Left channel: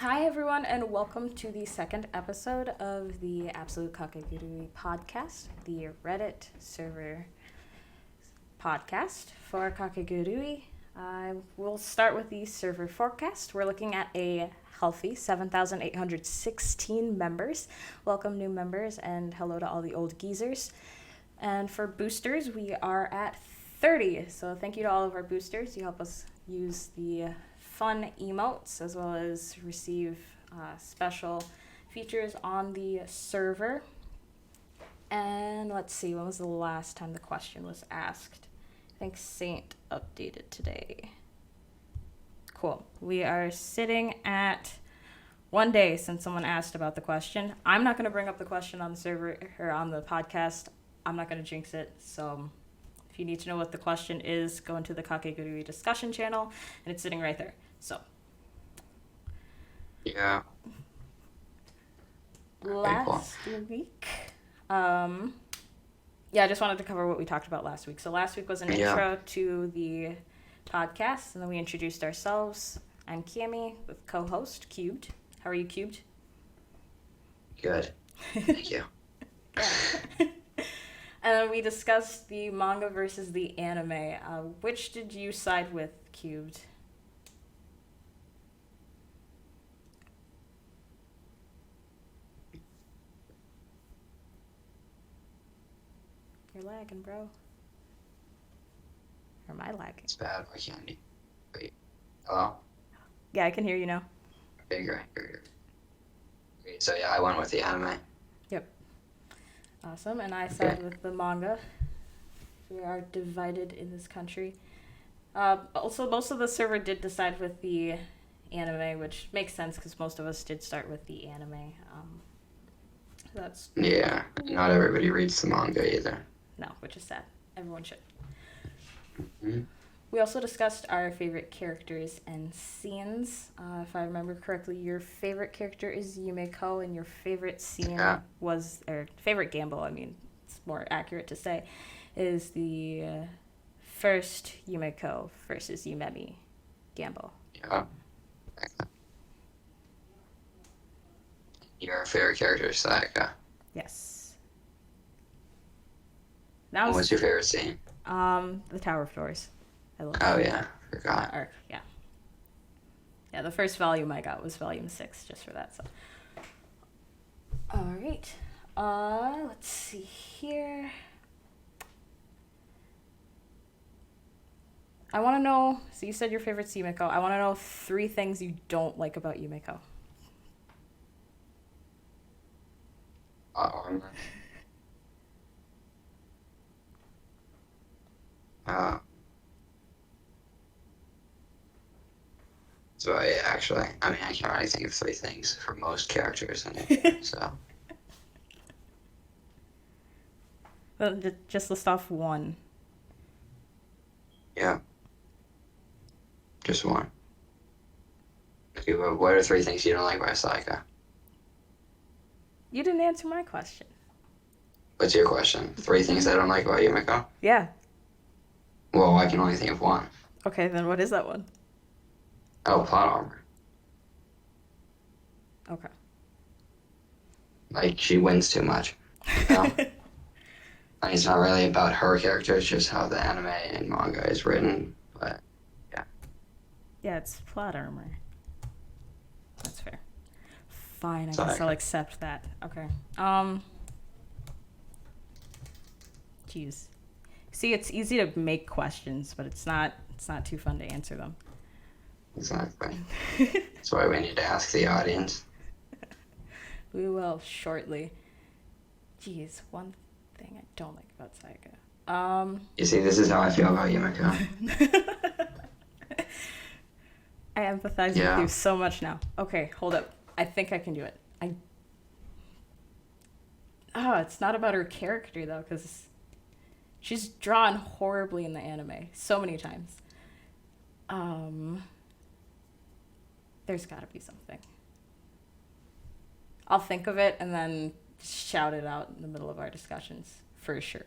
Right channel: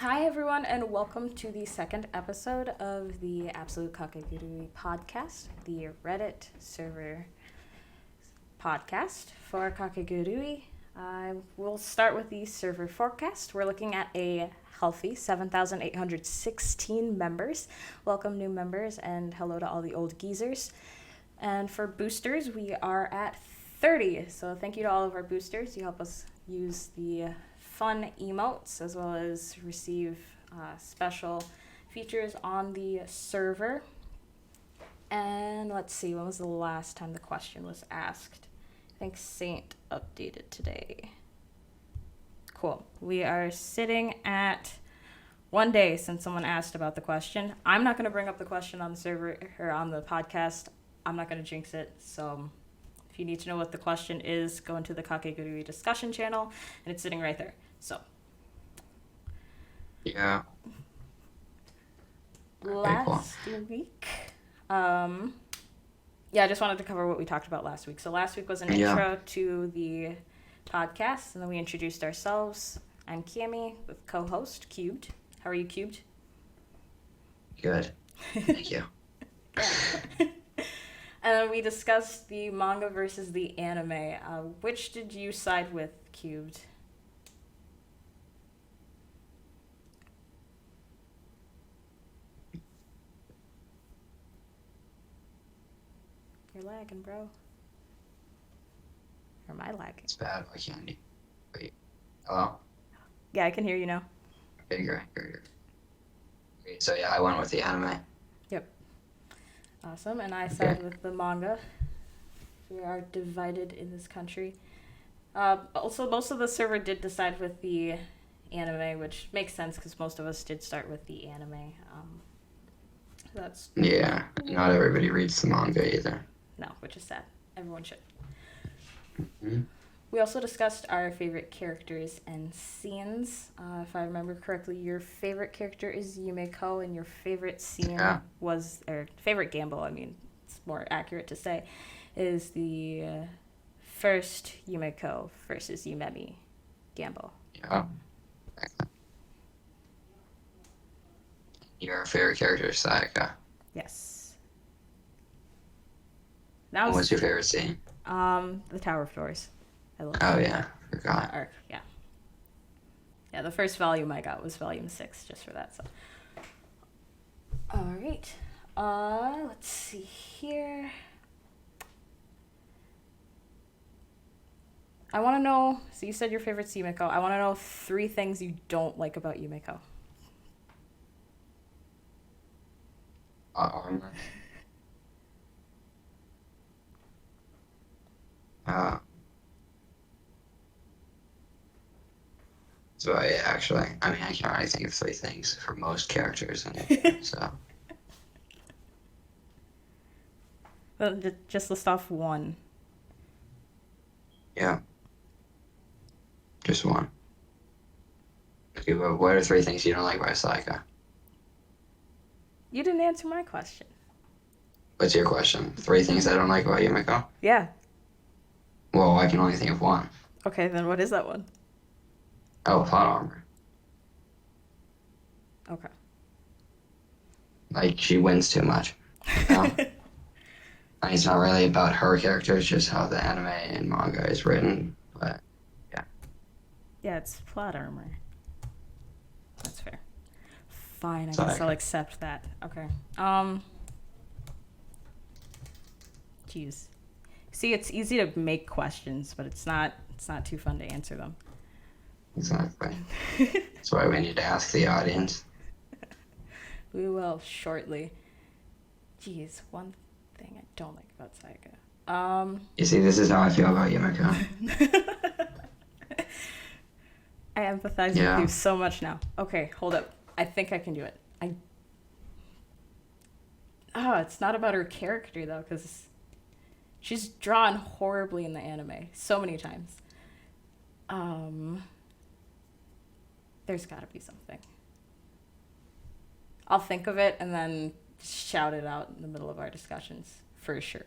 Hi, everyone, and welcome to the second episode of the Absolute Kakegurui podcast, the Reddit server podcast for Kakegurui. I will start with the server forecast. We're looking at a healthy 7,816 members. Welcome, new members, and hello to all the old geezers. And for boosters, we are at 30. So thank you to all of our boosters. You help us use the fun emotes as well as receive special features on the server. And let's see, when was the last time the question was asked? I think Saint updated today. Cool. We are sitting at 1 day since someone asked about the question. I'm not going to bring up the question on the server or on the podcast. I'm not going to jinx it. So if you need to know what the question is, go into the Kakegurui discussion channel, and it's sitting right there. So Yeah. last week, I just wanted to cover what we talked about last week. So last week was an intro to the podcast, and then we introduced ourselves. I'm Cami with co-host Cubed. How are you, Cubed? Good. Thank you. And then we discussed the manga versus the anime. Which did you side with, Cubed? You're lagging, bro. Or am I lagging? It's bad. Why can't you? Wait. Hello? Yeah, I can hear you now. Okay, great. So yeah, I went with the anime. Yep. Awesome. And I side with the manga. We are divided in this country. Also, most of the server did decide with the anime, which makes sense because most of us did start with the anime. That's Yeah, not everybody reads the manga either. no, which is sad. Everyone should. Mm-hmm. We also discussed our favorite characters and scenes. If I remember correctly, your favorite character is Yumeko, and your favorite scene was, or favorite gamble, I mean, it's more accurate to say, is the first Yumeko versus Yumemi gamble. Yeah. Your favorite character is Sayaka. Yes. What's your favorite scene? The Tower of Doors. I love Oh yeah, forgot. that arc. Yeah. Yeah, the first volume I got was volume 6, just for that. So. All right. Let's see here. I want to know. So you said your favorite's Yumeko. I want to know 3 things you don't like about Yumeko. So I can't really think of 3 things for most characters, and so. Well, just list off 1. Yeah. Just 1. Okay, but what are 3 things you don't like about Sayaka? You didn't answer my question. What's your question? 3 things I don't like about Yumeko? Yeah. Well, I can only think of 1. Okay, then what is that one? Oh, plot armor. Okay. Like, she wins too much. You know? It's not really about her character, it's just how the anime and manga is written, but yeah. Yeah, it's plot armor. That's fair. Fine, I Sorry. guess I'll accept that. Okay. Jeez. See, it's easy to make questions, but it's not too fun to answer them. Exactly. That's why we need to ask the audience. We will shortly. Jeez, one thing I don't like about Sayaka. You see, this is how I feel about Yumeko. I empathize with you so much now. Okay, hold up. I think I can do it. It's not about her character, though, because she's drawn horribly in the anime so many times. There's gotta be something. I'll think of it and then shout it out in the middle of our discussions, for sure.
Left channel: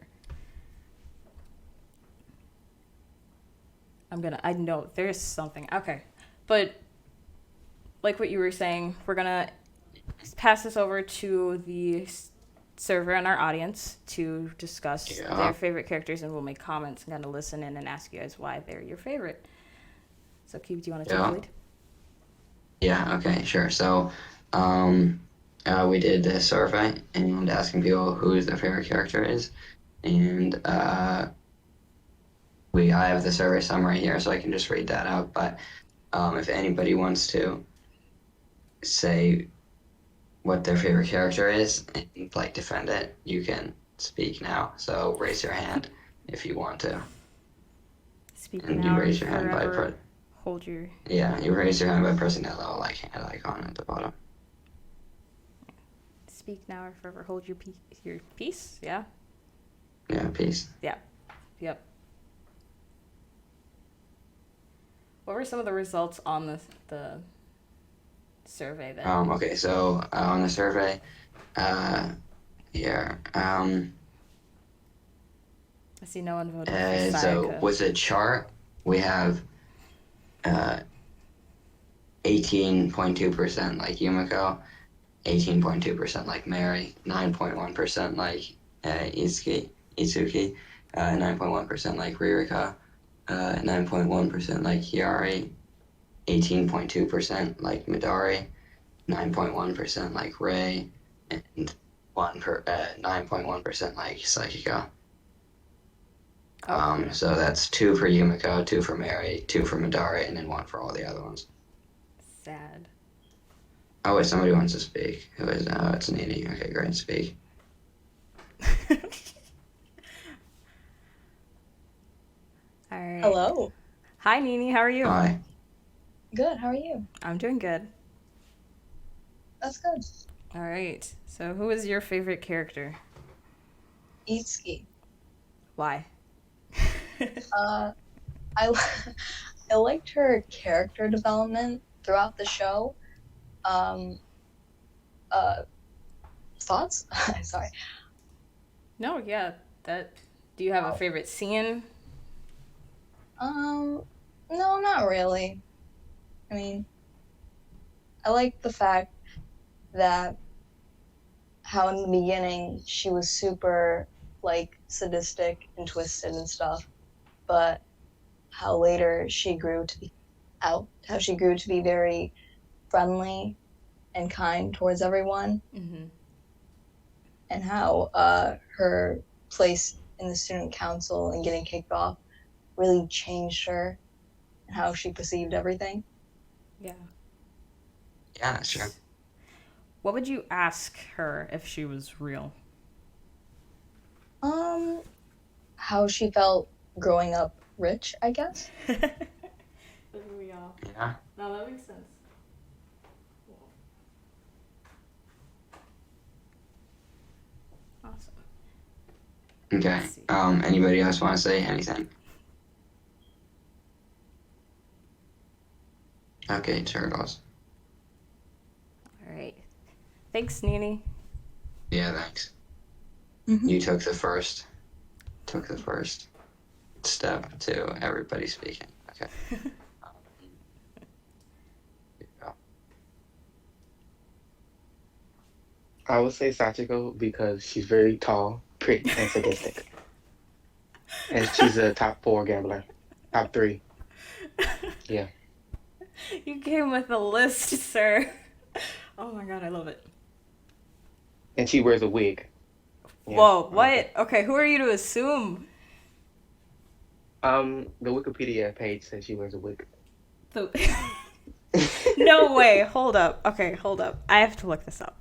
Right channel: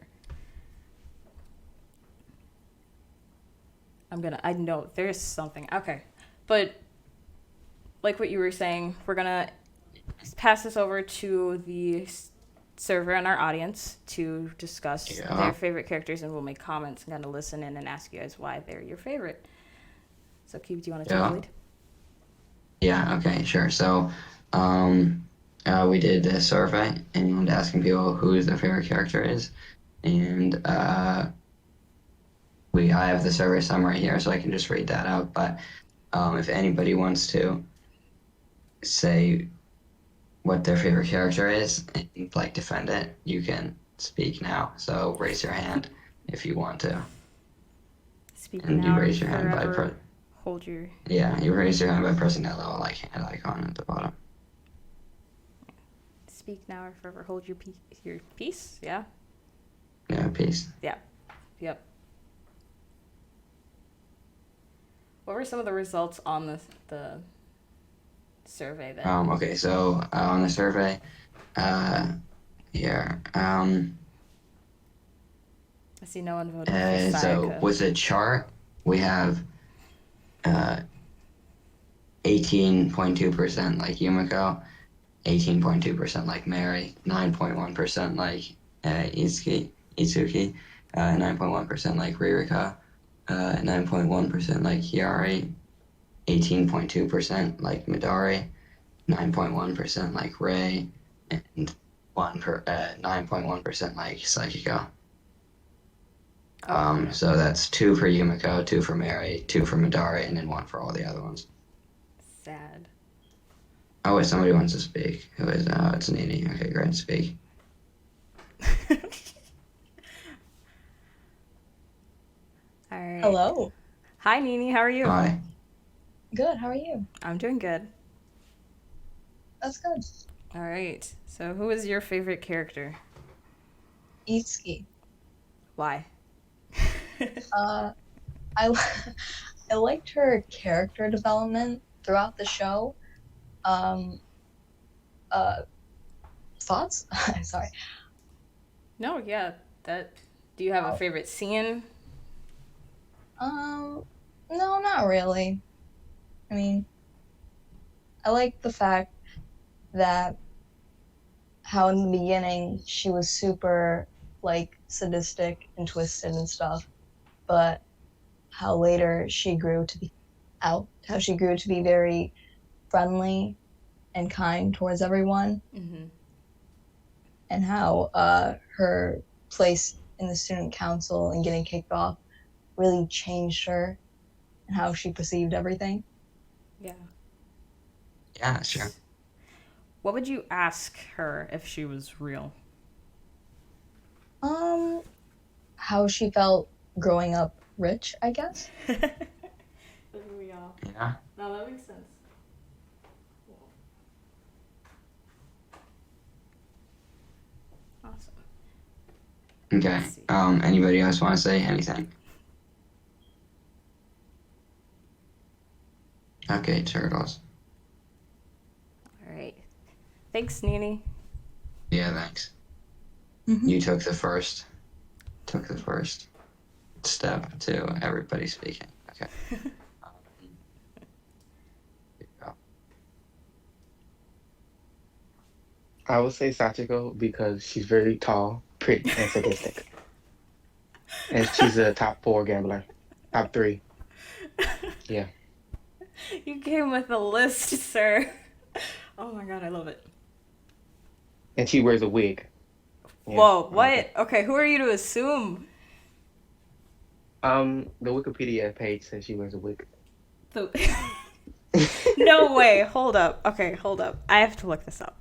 I know there's something. Okay. But like what you were saying, we're gonna pass this over to the server and our audience to discuss Yeah. their favorite characters, and we'll make comments and kind of listen in and ask you guys why they're your favorite. So, Keith, do you want to take the Yeah. lead? Yeah. Okay. Sure. So, we did a survey and asking people who their favorite character is, and I have the survey summary here, so I can just read that out. But if anybody wants to say what their favorite character is and like defend it, you can speak now. So raise your hand if you want to, Speak and you now or raise your hand by forever hold your. yeah, you raise your hand by pressing that little like hand icon at the bottom. Speak now or forever hold your peace. Yeah. Yeah, peace. Yeah. Yep. What were some of the results on the survey then? Okay, so on the survey, here, I see no one voted for so Sayaka. with the chart, we have 18.2% like Yumiko, 18.2% like Mary, 9.1% like Itsuki, 9.1% like Ririka, 9.1% like Hiyari, 18.2% like Midori, 9.1% like Ray, and 9.1% like Psychico. Okay. So that's 2 for Yumiko, 2 for Mary, 2 for Midori, and then 1 for all the other ones. Sad. Oh wait, somebody wants to speak. Who is? Oh, it's Nini. Okay, great, speak. All right. Hello. Hi, Nini. How are you? Hi. Good. How are you? I'm doing good. That's good. All right. So, who is your favorite character? Itsuki. Why? Uh, I I liked her character development throughout the show. Um, Thoughts? Sorry. No, yeah. That. Do you have a favorite scene? Um, no, not really. I mean, I like the fact that how in the beginning she was super like sadistic and twisted and stuff, but how later she grew to be how she grew to be very friendly and kind towards everyone, Mm-hmm. and how her place in the student council and getting kicked off really changed her and how she perceived everything. Yeah. Yeah, sure. What would you ask her if she was real? Um, how she felt growing up rich, I guess. Doesn't we all? Yeah. No, that makes sense. Awesome. Okay. Let's see. Anybody else want to say anything? Okay, turtles. All right. Thanks, Nini. Yeah, thanks. Mhm. You took the first step to everybody speaking. Okay. Here you go. I would say Sachiko because she's very tall, pretty, and sadistic. And she's a top 4 gambler. Top 3. Yeah. You came with a list, sir. Oh my god, I love it. And she wears a wig. Yeah, Whoa, I like what? Okay, who are you to assume? The Wikipedia page says she wears a wig. The... No way. Hold up. Okay, hold up. I have to look this up.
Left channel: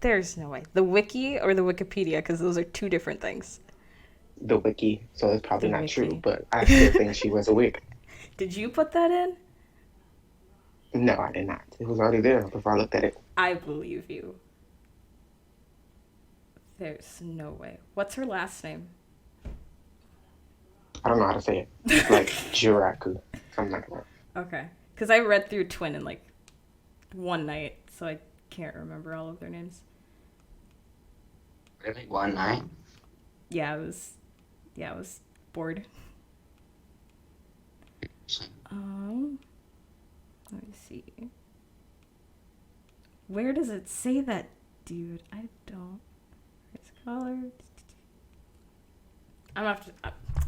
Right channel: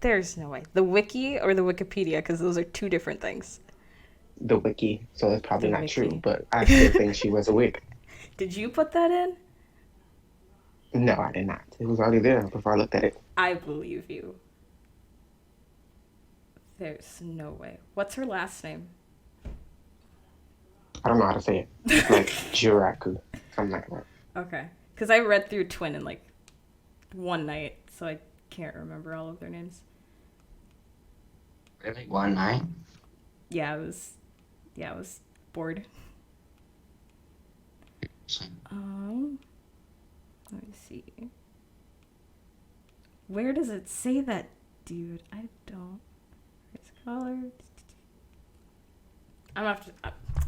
There's no way. The wiki or the Wikipedia, because those are two different things. The wiki, so it's probably The not wiki. true, but I still think she wears a wig. Did you put that in? No, I did not. It was already there before I looked at it. I believe you. There's no way. What's her last name? I don't know how to say it. It's like Jiraku, something like that. Okay. Because I read through Twin in like one night, so I can't remember all of their names. Really? One night? Yeah, I was bored. Let me see. Where does it say that, dude? I don't. It's colored. I'm gonna have to.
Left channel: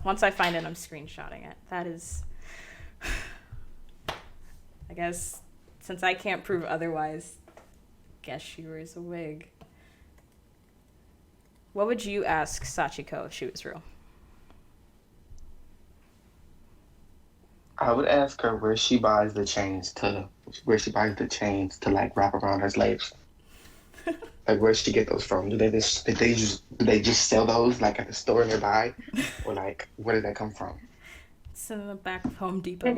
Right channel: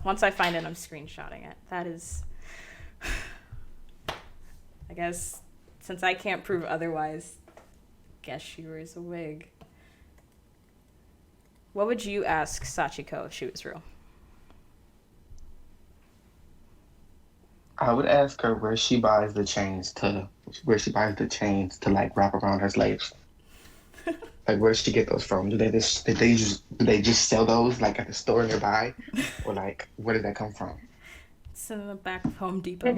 Once I find it, I'm screenshotting it. That is. I guess since I can't prove otherwise, guess she wears a wig. What would you ask Sachiko if she was real? I would ask her where she buys the chains to like wrap around her slaves. Like where she get those from? Do they just sell those like at the store nearby, or like where did that come from? It's in the back of Home Depot.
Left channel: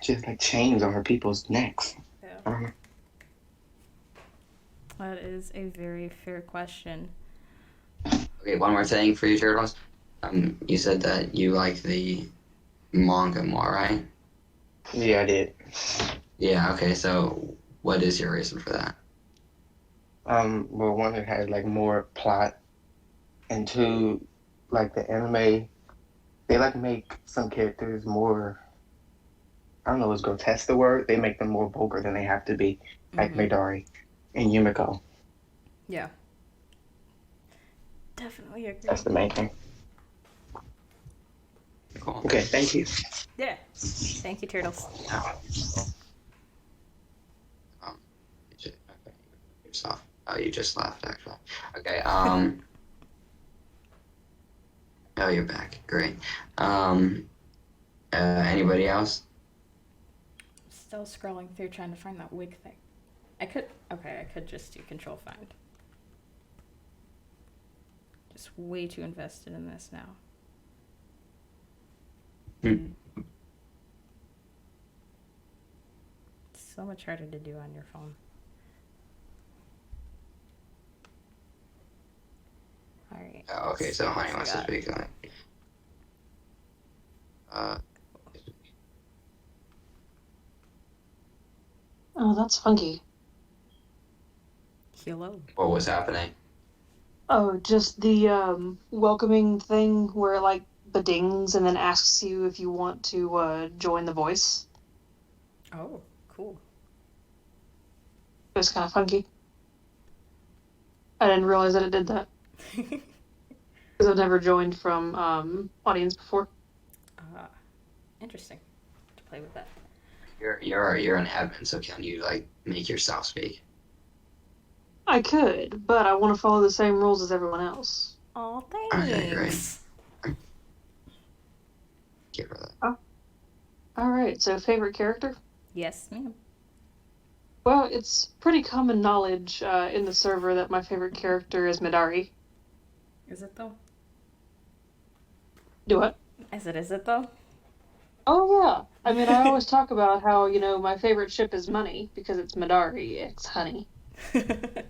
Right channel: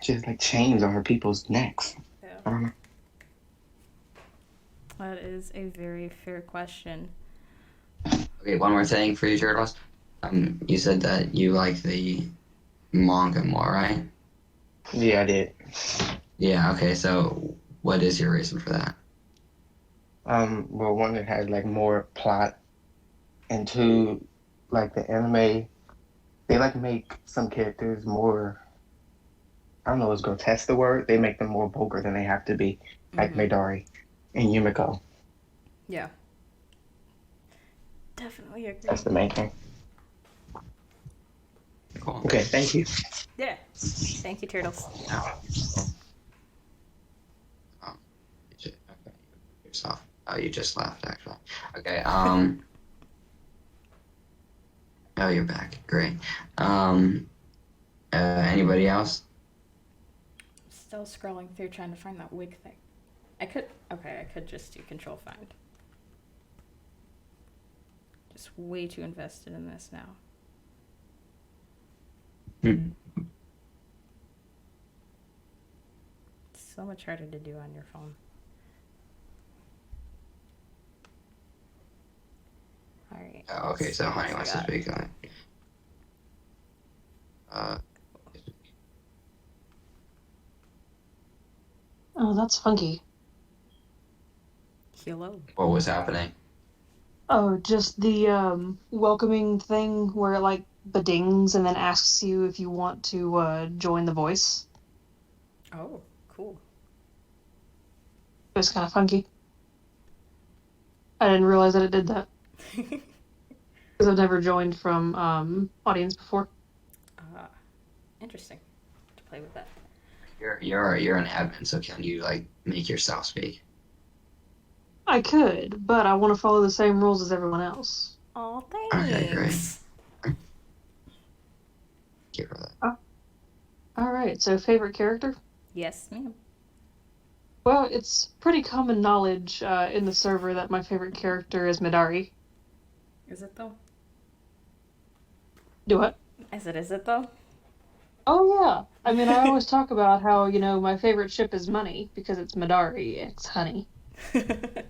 She has like chains on her people's necks. Yeah. I don't know. That is a very fair question. Okay, one more thing for you, Turtles. You said that you like the manga more, right? Yeah, I did. Yeah, okay, so what is your reason for that? Well, one, it had like more plot, and two, like the anime, they like make some characters more. I don't know, is grotesque the word? They make them more vulgar than they have to be, like Midori and Yumiko. Yeah. Definitely agree. That's the main thing. Cool. Okay, thank you. Yeah. Thank you, Turtles. Yourself. Oh, you just left, actually. Okay, oh, you're back. Great. Anybody else? Still scrolling through trying to find that wig thing. I could just do control find. Just way too invested in this now. It's so much harder to do on your phone. All right. Oh, okay, so Honey wants to speak on it. Oh, that's funky. Hello. What was happening? Oh, just the welcoming thing where it like bedings and then asks you if you want to join the voice. Oh, cool. It was kind of funky. I didn't realize that it did that because I've never joined from audience before. Interesting. To play with that. You're an admin, so can you like make yourself speak? I could, but I want to follow the same rules as everyone else. Oh, Okay, thanks. great. Give her that. All right, so favorite character? Yes, ma'am. Well, it's pretty common knowledge in the server that my favorite character is Midari. Is it though? Do what? Is it though? Oh, yeah. I mean, I always talk about how, my favorite ship is Money because it's Midari, it's Honey. It's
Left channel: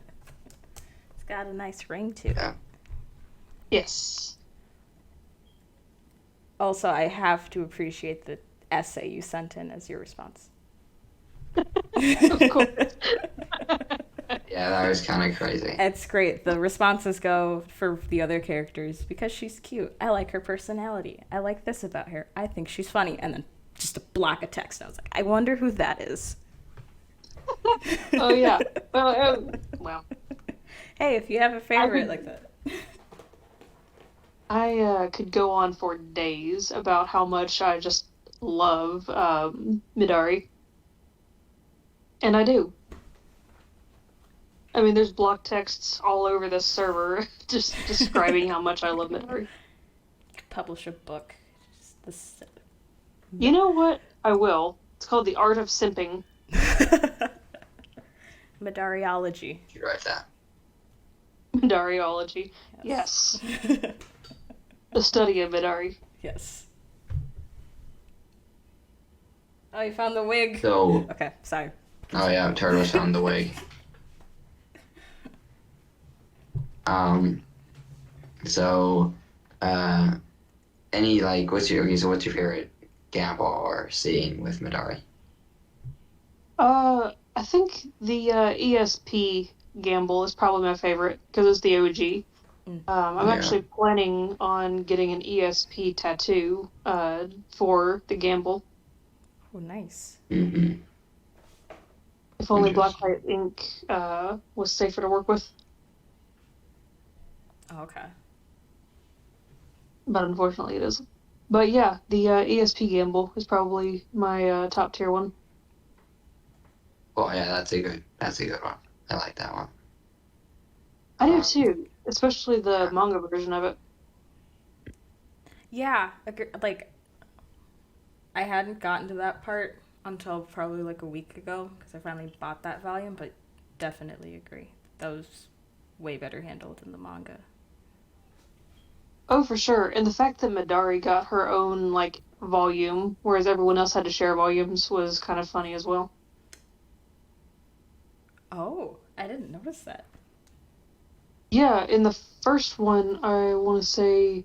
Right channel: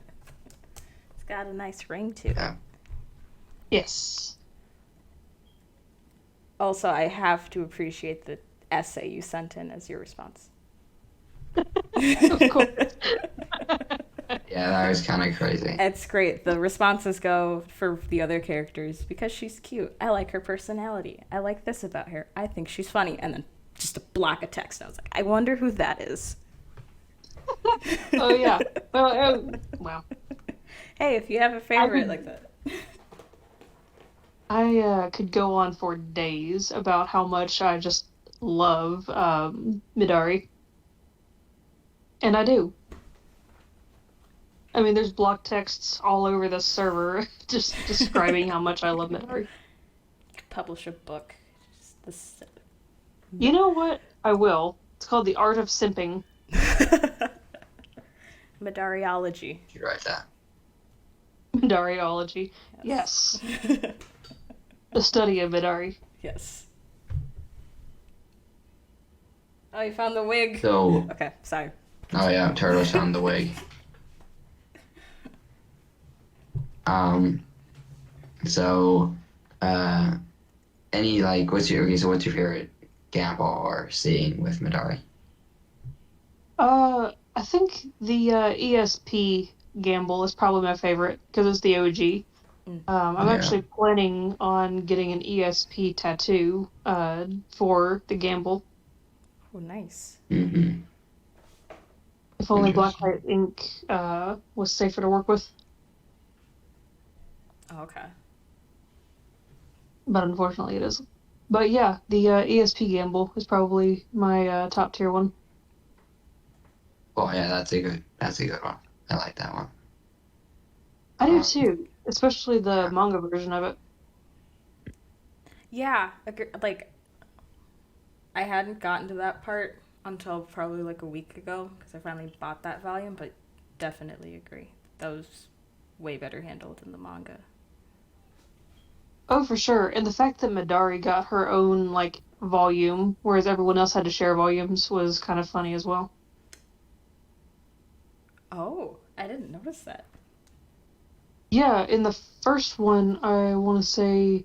got a nice ring to it. Yeah. Yes. Also, I have to appreciate the essay you sent in as your response. Of course. Yeah, that was kind of crazy. It's great. The responses go for the other characters because she's cute. I like her personality. I like this about her. I think she's funny. And then just a block of text. I was like, I wonder who that is. Oh, yeah. Well. Hey, if you have a favorite like that. I could go on for days about how much I just love Midari. And I do. I mean, there's block texts all over the server just describing how much I love Midari. Publish a book. Just this... You know what? I will. It's called The Art of Simping. Midariology. You write that. Midariology. Yes. The study of Midari. Yes. Oh, you found the wig. So. Okay, sorry. Oh yeah, Turtles found the wig. So, what's your favorite gamble or scene with Midari? I think the ESP gamble is probably my favorite because it's the OG. I'm actually planning on getting an ESP tattoo for the gamble. Oh, nice. Mm-hmm. If only Interesting. Blacklight ink was safer to work with. Okay. But unfortunately it isn't. But yeah, the ESP Gamble is probably my top tier one. Well, yeah, that's a good one. I like that one. I do Um, too, especially the manga version of it. Yeah, like I hadn't gotten to that part until probably like a week ago because I finally bought that volume, but definitely agree. That was way better handled in the manga. Oh, for sure. And the fact that Midari got her own like volume, whereas everyone else had to share volumes, was kind of funny as well. Oh, I didn't notice that. Yeah, in the first one, I want to say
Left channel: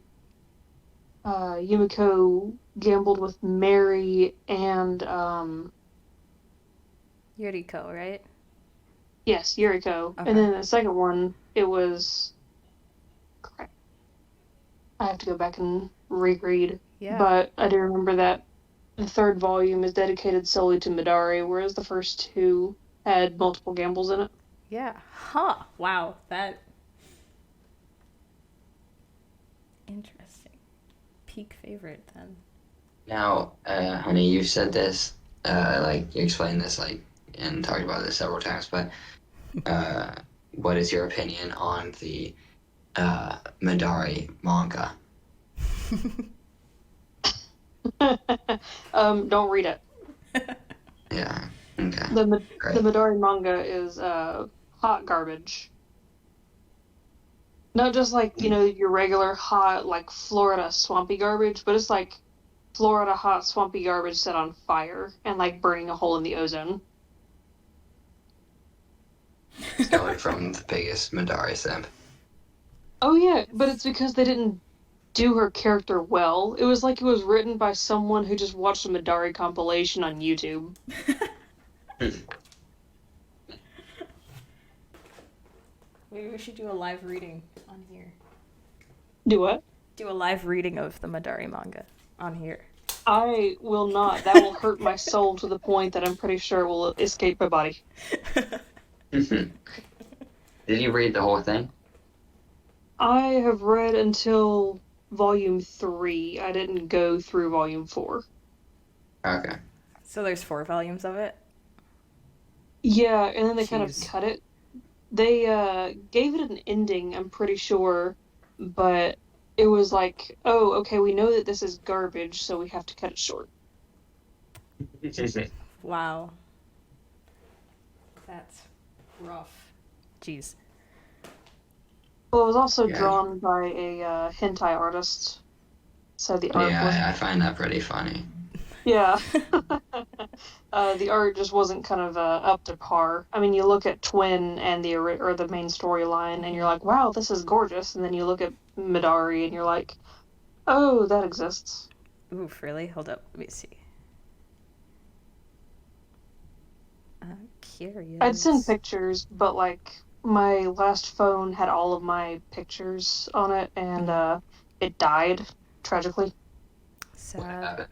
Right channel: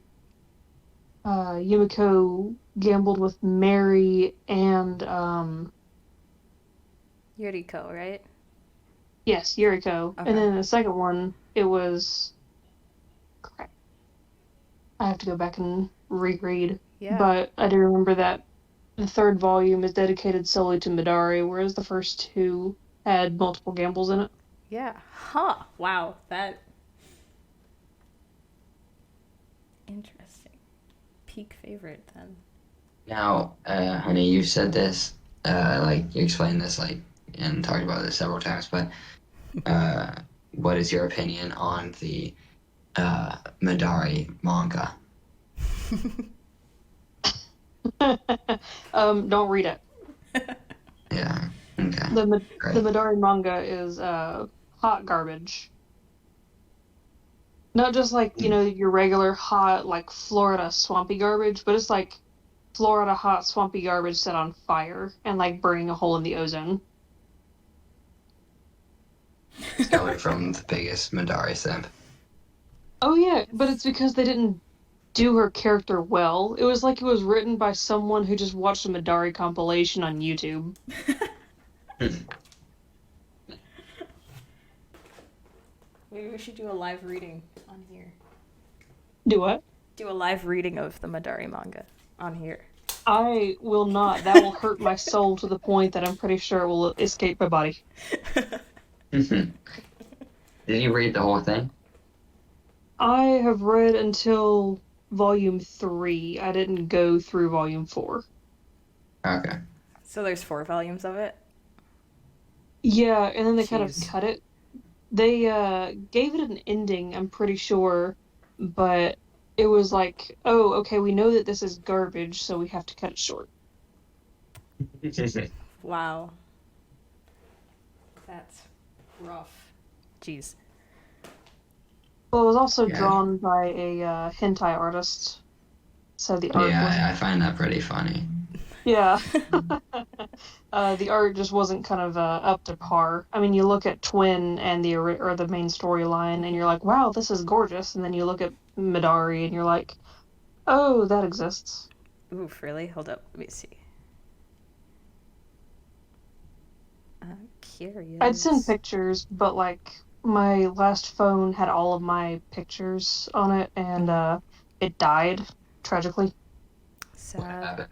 Yumiko gambled with Mary and Yuriko, right? yes, Yuriko. And Okay. then the second one, it was crap. I have to go back and reread. Yeah. But I do remember that the third volume is dedicated solely to Midari, whereas the first two had multiple gambles in it. Yeah. Huh. Wow. That. Interesting. Peak favorite then. Now, honey, you said this, like you explained this, like, and talked about this several times. But what is your opinion on the Madari manga? Don't read it. Yeah. Okay. The Great. Midori manga is hot garbage. Not just like, your regular hot like Florida swampy garbage, but it's like Florida hot swampy garbage set on fire and like burning a hole in the ozone. It's coming from the biggest Madari simp. Oh yeah, but it's because they didn't do her character well. It was like it was written by someone who just watched a Midari compilation on YouTube. Maybe we should do a live reading on here. Do what? Do a live reading of the Madari manga on here. I will not. That will hurt my soul to the point that I'm pretty sure it will escape my body. Did you read the whole thing? I have read until volume 3. I didn't go through volume 4. Okay. So there's 4 volumes of it? Yeah, and then they kind of Jeez. cut it. They gave it an ending, I'm pretty sure, but it was like, oh, okay, we know that this is garbage, so we have to cut it short. Wow. That's rough. Jeez. Well, it was also Yeah. drawn by a hentai artist, so the art was... Yeah, I find that pretty funny. Yeah. The art just wasn't kind of up to par. I mean, you look at Twin and the main storyline, and you're like, wow, this is gorgeous. And then you look at Midari, and you're like, oh, that exists. Oof, really? Hold up. Let me see. I'm curious. I'd send pictures, but like my last phone had all of my pictures on it, and it died tragically. What Sad. happened?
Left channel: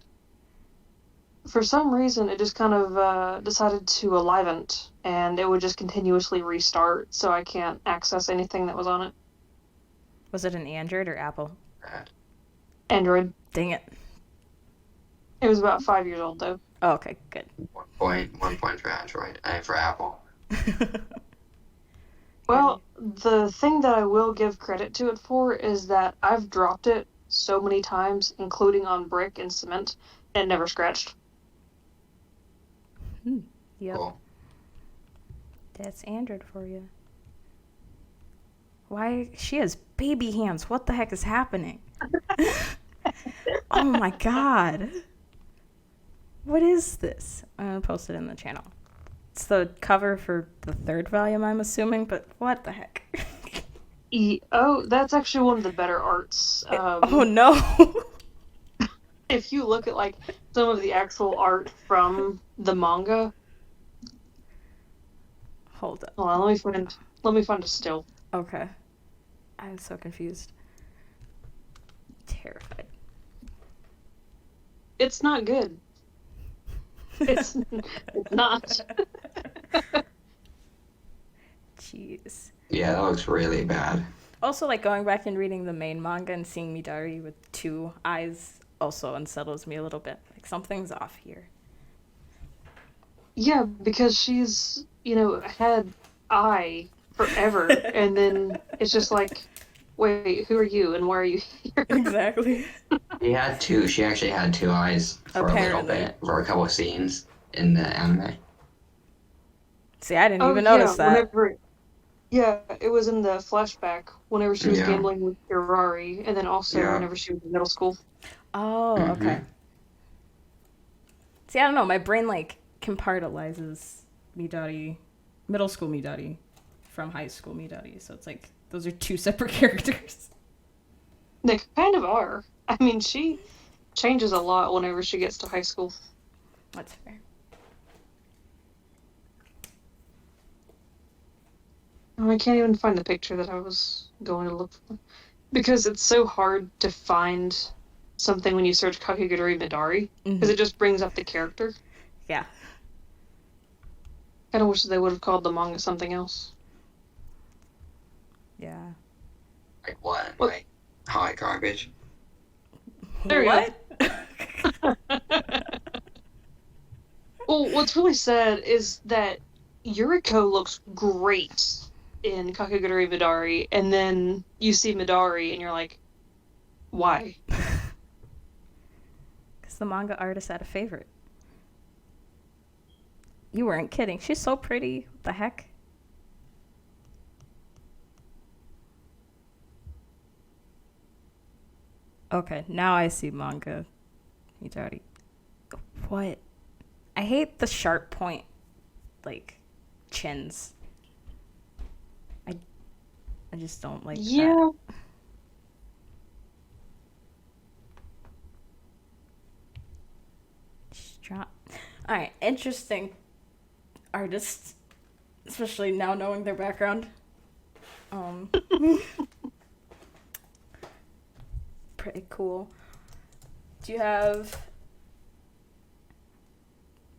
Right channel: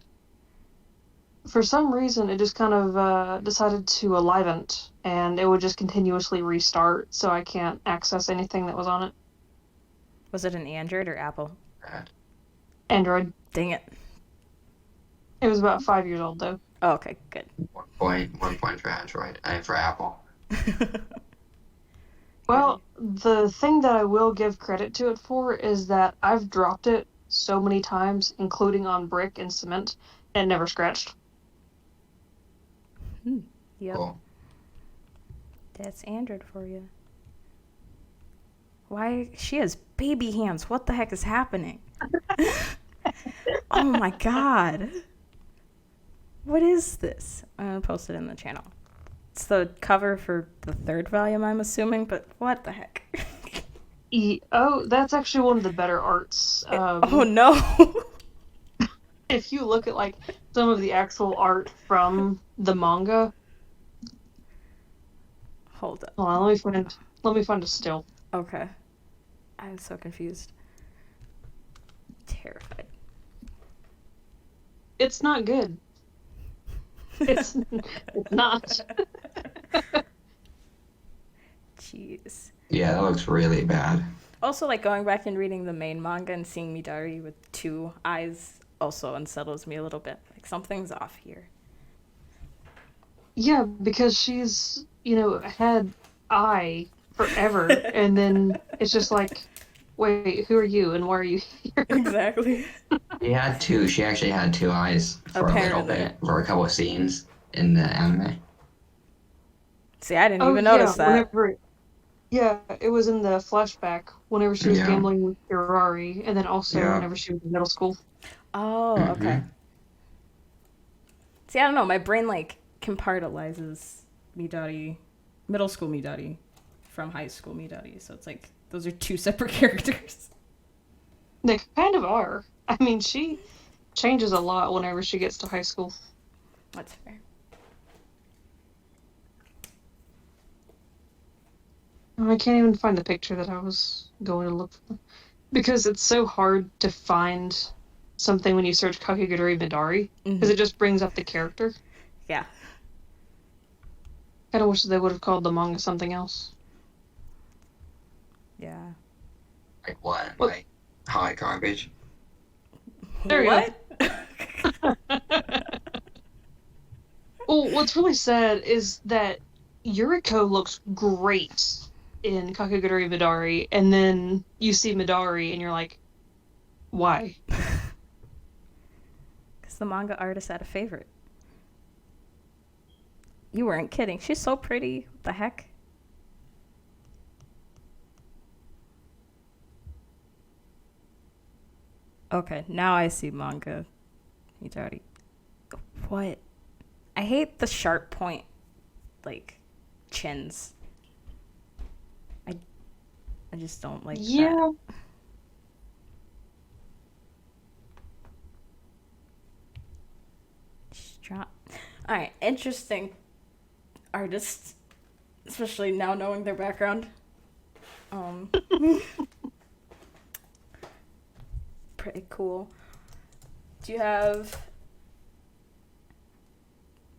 For some reason, it just kind of decided to alivent, and it would just continuously restart, so I can't access anything that was on it. Was it an Android or Apple? Android. Dang it. It was about 5 years old, though. Oh, okay, good. 1 point for Android, and for Apple. Well, the thing that I will give credit to it for is that I've dropped it so many times, including on brick and cement, and it never scratched. Yep. Cool. That's Android for you. Why? She has baby hands. What the heck is happening? Oh my god. What is this? I'm gonna post it in the channel. It's the cover for the 3rd volume, I'm assuming, but what the heck? Oh, that's actually one of the better arts. Oh no. If you look at like some of the actual art from the manga, Hold up. hold on, let me find a still. Okay. I'm so confused. Terrified. It's not good. It's not. Jeez. Yeah, that looks really bad. Also, like, going back and reading the main manga and seeing Midari with 2 eyes also unsettles me a little bit. Like, something's off here. Yeah, because she's, had eye forever, and then it's just like, wait, who are you and why are you here? Exactly. She actually had 2 eyes for a little Apparently. bit, for a couple of scenes in the anime. See, I didn't Oh, even yeah, notice that. it was in the flashback whenever she was Yeah. gambling with Hirari, and then also Yeah. whenever she was in middle school. Oh, okay. See, I don't know. My brain, like, compartmentalizes Midari, middle school Midari, from high school Midari. So it's like, those are 2 separate characters. They kind of are. I mean, she changes a lot whenever she gets to high school. That's fair. I can't even find the picture that I was going to look for. Because it's so hard to find something when you search Kakegurui Midari, because it just brings up the character. Yeah. Kind of wish they would have called the manga something else. Yeah. Like what? What? Like hot garbage? There you What? Well, what's really sad is that Yuriko looks great in Kakegurui Midari, and then you see Midari, and you're like, why? Because the manga artist had a favorite. You weren't kidding. She's so pretty. What the heck? Okay, now I see manga. Midari. What? I hate the sharp point, like, chins. I just don't like that. Strong. All right, interesting artists, especially now knowing their background. Pretty cool. Do you have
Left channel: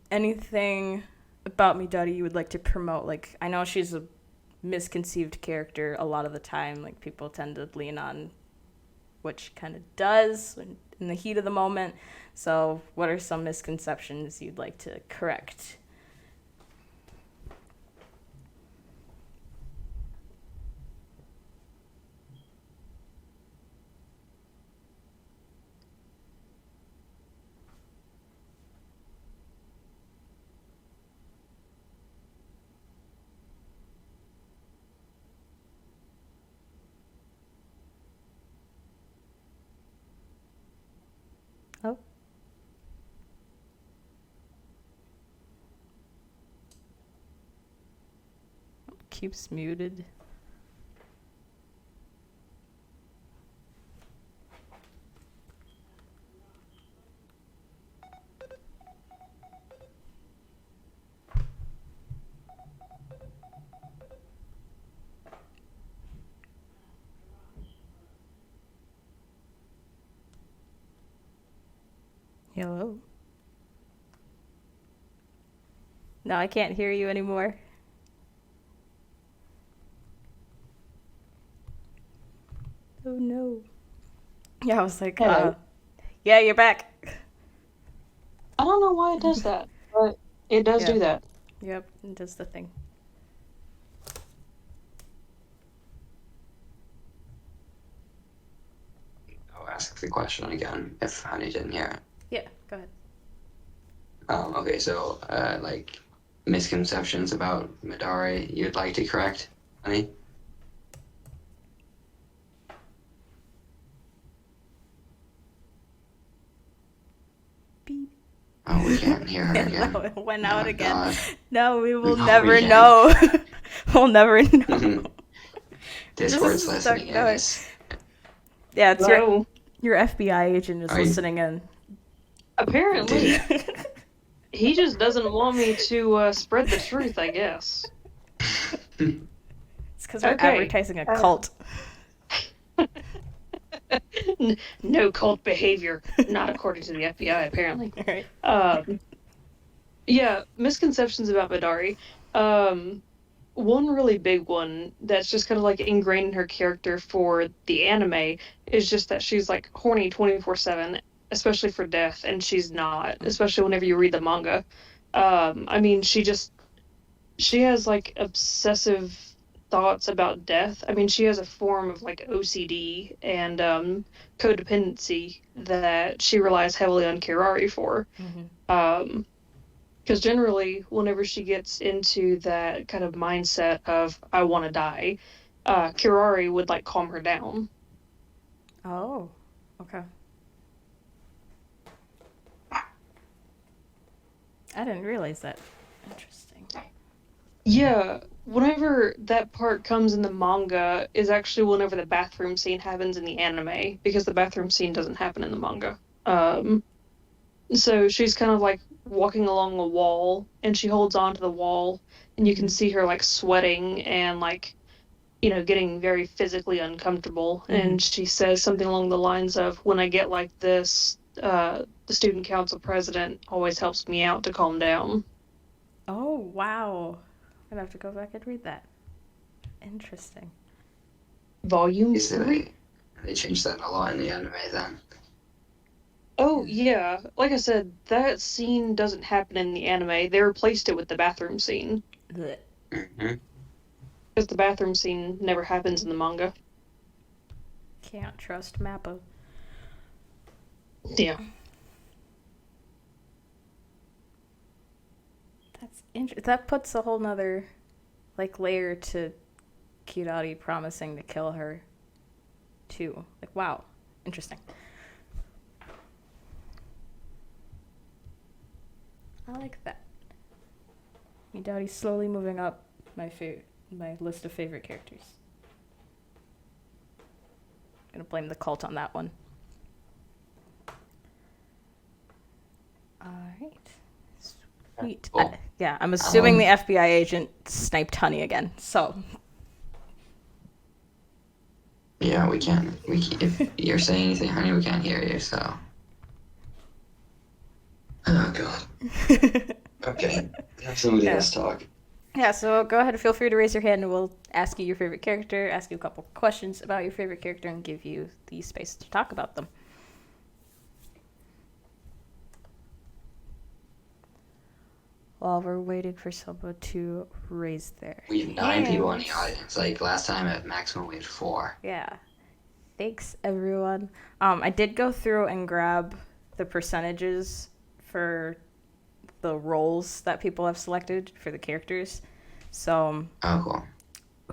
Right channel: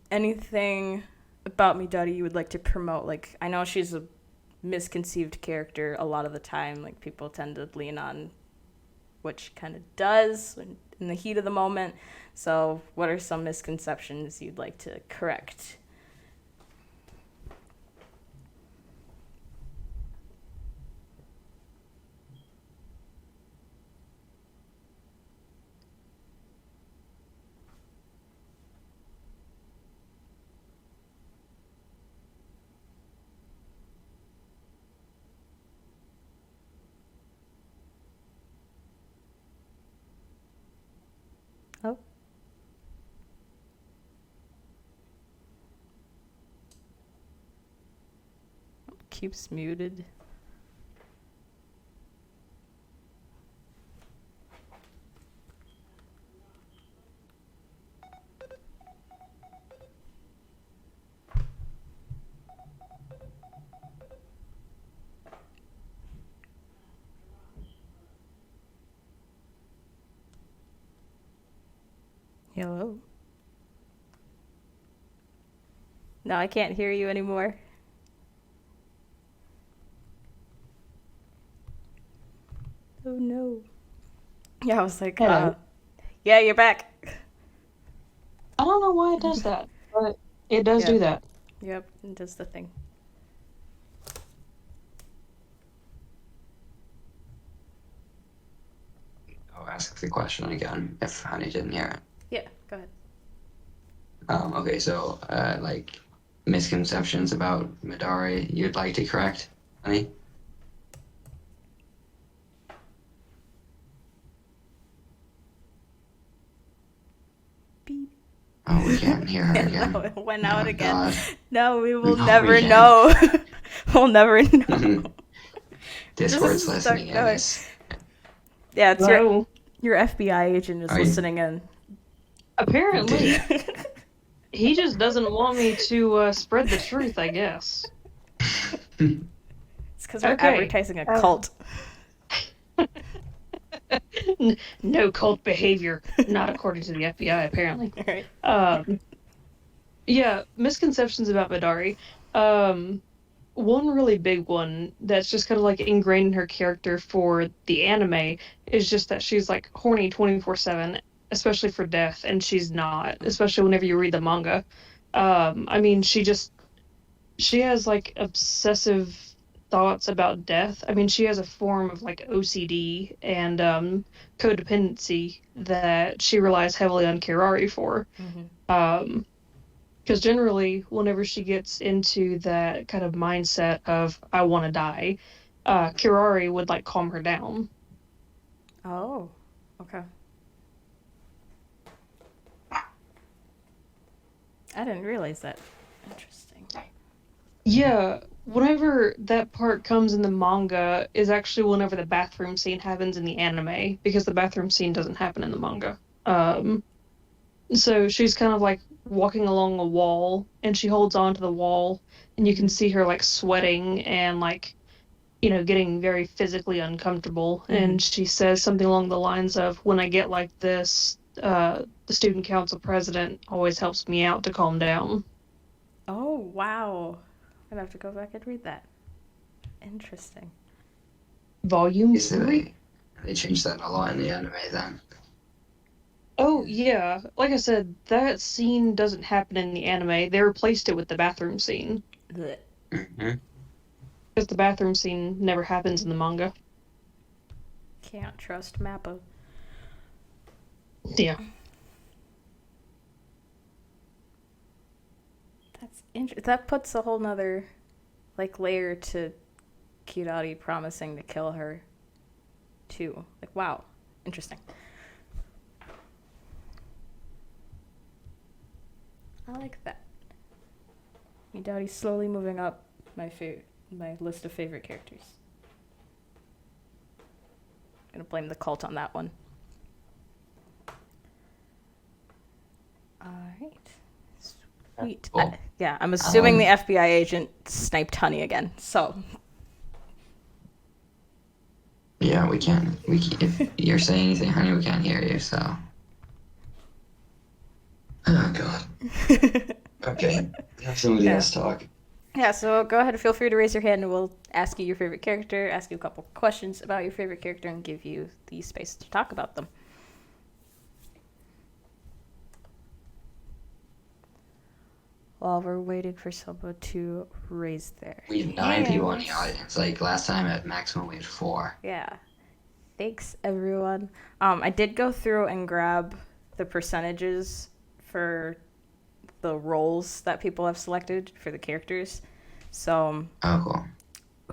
anything about Midari you would like to promote? Like, I know she's a misconceived character a lot of the time. Like, people tend to lean on what she kind of does in the heat of the moment. So what are some misconceptions you'd like to correct? Oh. Keeps muted. Hello? No, I can't hear you anymore. Oh no. Yeah, I was like, yeah, you're back. I don't know why it does that, but it does do that. Yep, it does the thing. I'll ask the question again if Honey didn't hear it. Yeah, go ahead. Okay, so like misconceptions about Midari you'd like to correct, Honey? Beep. Oh, we can't hear her again. No, it went out again. God. No, we will No, never we can't. know. We'll never know. Discord's is listening in. stuck going. It's- Yeah, it's No. your FBI agent is Are you- listening in. Apparently, he just doesn't want me to spread the truth, I guess. It's because we're Okay. advertising a cult. No cult behavior, not according to the FBI, apparently. Right. Yeah, misconceptions about Midari. one really big one that's just kind of like ingrained in her character for the anime is just that she's like horny 24/7, especially for death, and she's not, especially whenever you read the manga. I mean, she has like obsessive thoughts about death. I mean, she has a form of like OCD and codependency that she relies heavily on Kirari for. Um, because generally, whenever she gets into that kind of mindset of I want to die, Kirari would like calm her down. Oh, okay. I didn't realize that. Interesting. Yeah, whenever that part comes in the manga is actually whenever the bathroom scene happens in the anime, because the bathroom scene doesn't happen in the manga. So she's kind of like walking along a wall, and she holds on to the wall, and you can see her like sweating and like, getting very physically uncomfortable. And she says something along the lines of, when I get like this, the student council president always helps me out to calm down. Oh, wow. I'm gonna have to go back and read that. Interesting. Volume So 3? they changed that a lot in the anime then. Oh, yeah. Like I said, that scene doesn't happen in the anime. They replaced it with the bathroom scene. Blech. Mm-hmm. Because the bathroom scene never happens in the manga. Can't trust Mappa. Yeah. That's interesting. That puts a whole nother, like, layer to Kirari promising to kill her, too. Like, wow. Interesting. I like that. Midori's slowly moving up my list of favorite characters. I'm gonna blame the cult on that one. Alright. Sweet. Cool. Yeah, I'm assuming the FBI agent sniped Honey again, so. Yeah, we can't. If you're saying anything, honey, we can't hear you. So. Oh God. Okay. Have somebody else talk. Yeah, so go ahead and feel free to raise your hand and we'll ask you your favorite character, ask you a couple questions about your favorite character, and give you the space to talk about them. While we're waiting for someone to raise their We have 9 people in the hands. audience. Like last time at maximum we had 4. Yeah. Thanks, everyone. I did go through and grab the percentages for the roles that people have selected for the characters. So, Oh, cool.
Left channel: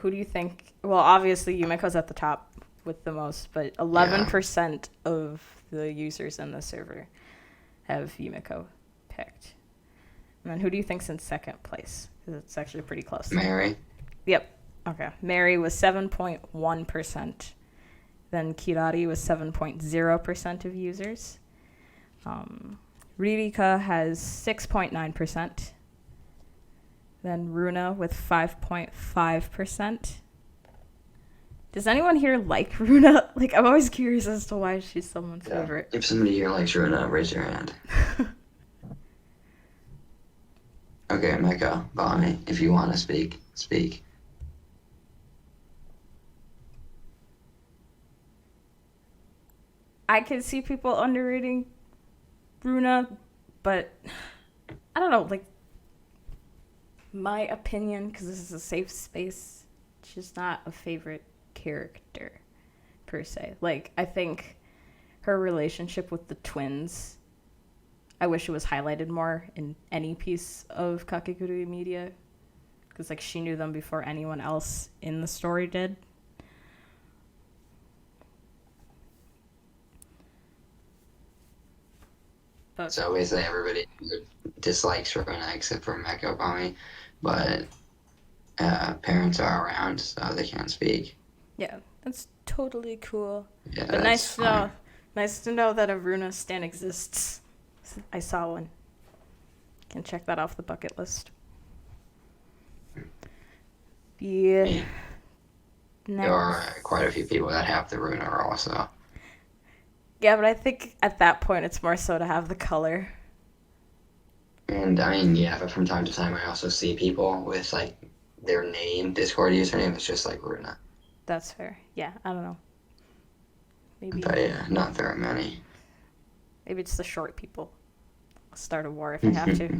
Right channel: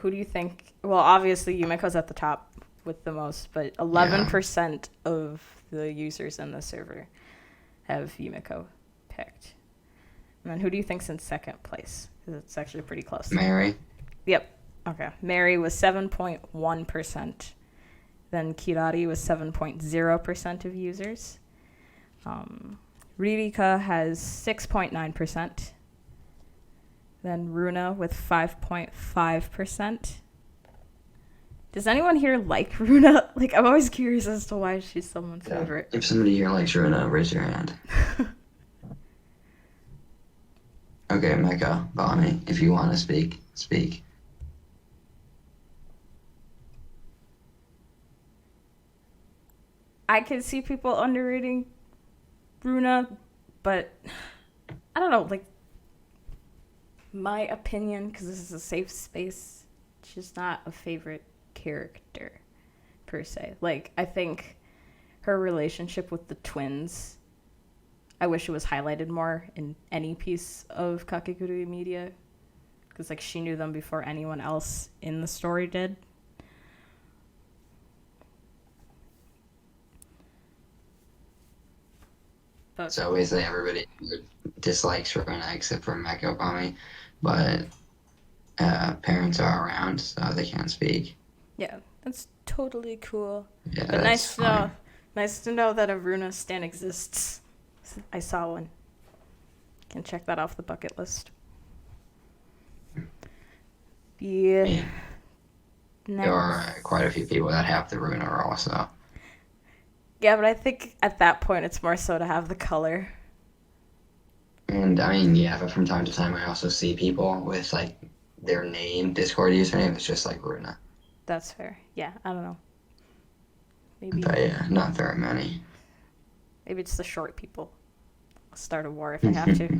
who do you think? Well, obviously, Yumiko's at the top with the most, but 11% of the users in the server have Yumiko picked. And then who do you think's in second place? Because it's actually pretty close. Mary. Yep. Okay. Mary was 7.1%. Then Kirari was 7.0% of users. Ririka has 6.9%. Then Runa with 5.5%. Does anyone here like Runa? Like, I'm always curious as to why she's someone's favorite. If somebody here likes Runa, raise your hand. Okay, Mecca, Bonnie, if you want to speak, speak. I can see people underrating Runa, but I don't know, like, my opinion, because this is a safe space, she's not a favorite character, per se. Like, I think her relationship with the twins, I wish it was highlighted more in any piece of Kakegurui media, because, like, she knew them before anyone else in the story did. But So basically everybody dislikes Runa except for Mecca, Bonnie, but parents are around, so they can't speak. yeah, that's totally cool. Yeah, But that's fine. nice to know that a Runa stan exists. I saw one. Can check that off the bucket list. Yeah. Yeah. There are quite a few people that have the Runa role, so. Yeah, but I think at that point it's more so to have the color. And I mean, yeah, but from time to time I also see people with like their name, Discord username is just like Runa. That's fair. Yeah, I don't know. Maybe But yeah, not very many. it's the short people. I'll start a war if I have to.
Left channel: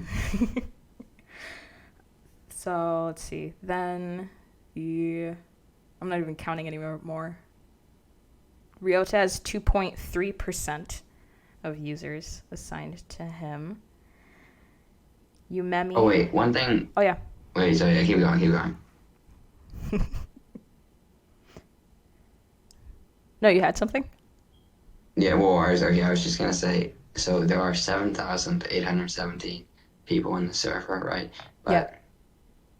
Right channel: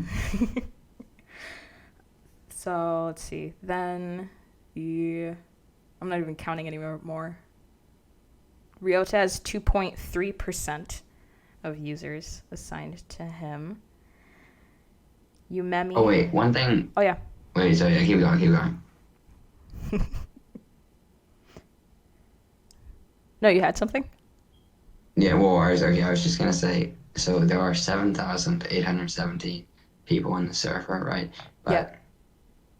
So let's see. Then I'm not even counting anymore. Ryota has 2.3% of users assigned to him. Yumemi. Oh wait, one thing. Oh yeah. Wait, sorry, keep going. No, you had something? Yeah, well, I was just gonna say, so there are 7,817 people on the server, right? But Yeah.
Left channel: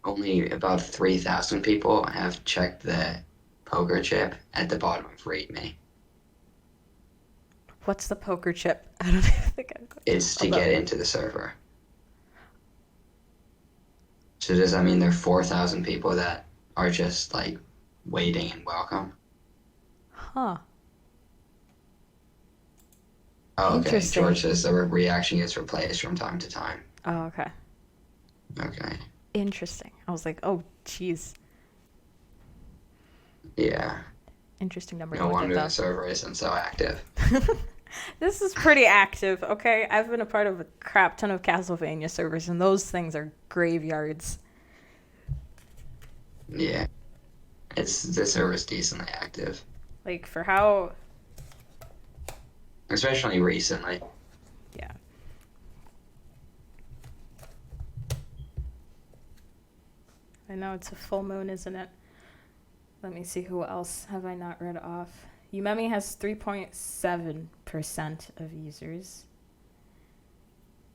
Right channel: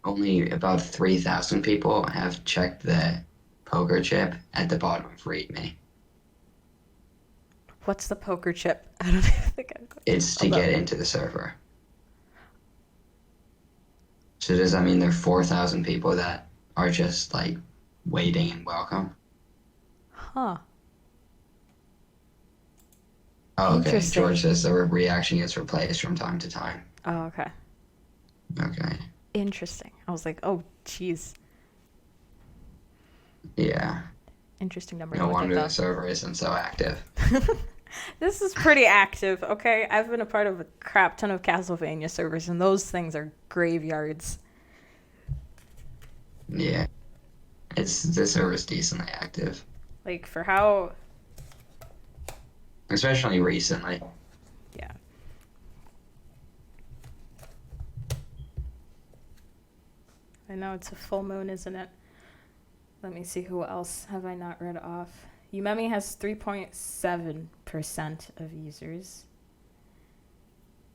only about 3,000 people have checked the poker chip at the bottom of README. What's the poker chip? I don't even think I've got It's to get into the server. So does that mean there are 4,000 people that are just like waiting and welcome? Huh. Oh, okay. Interesting. George says the reaction gets replaced from time to time. Oh, okay. Okay. Interesting. I was like, oh, jeez. Yeah. Interesting number No to look wonder at, the server isn't so active. This is pretty active, okay? I've been a part of a crap ton of Castlevania servers, and those things are graveyards. Yeah. The server's decently active. Like, for how... Especially recently. Yeah. I know it's a full moon, isn't it? Let me see, who else have I not read off? Yumemi has 3.7% of users.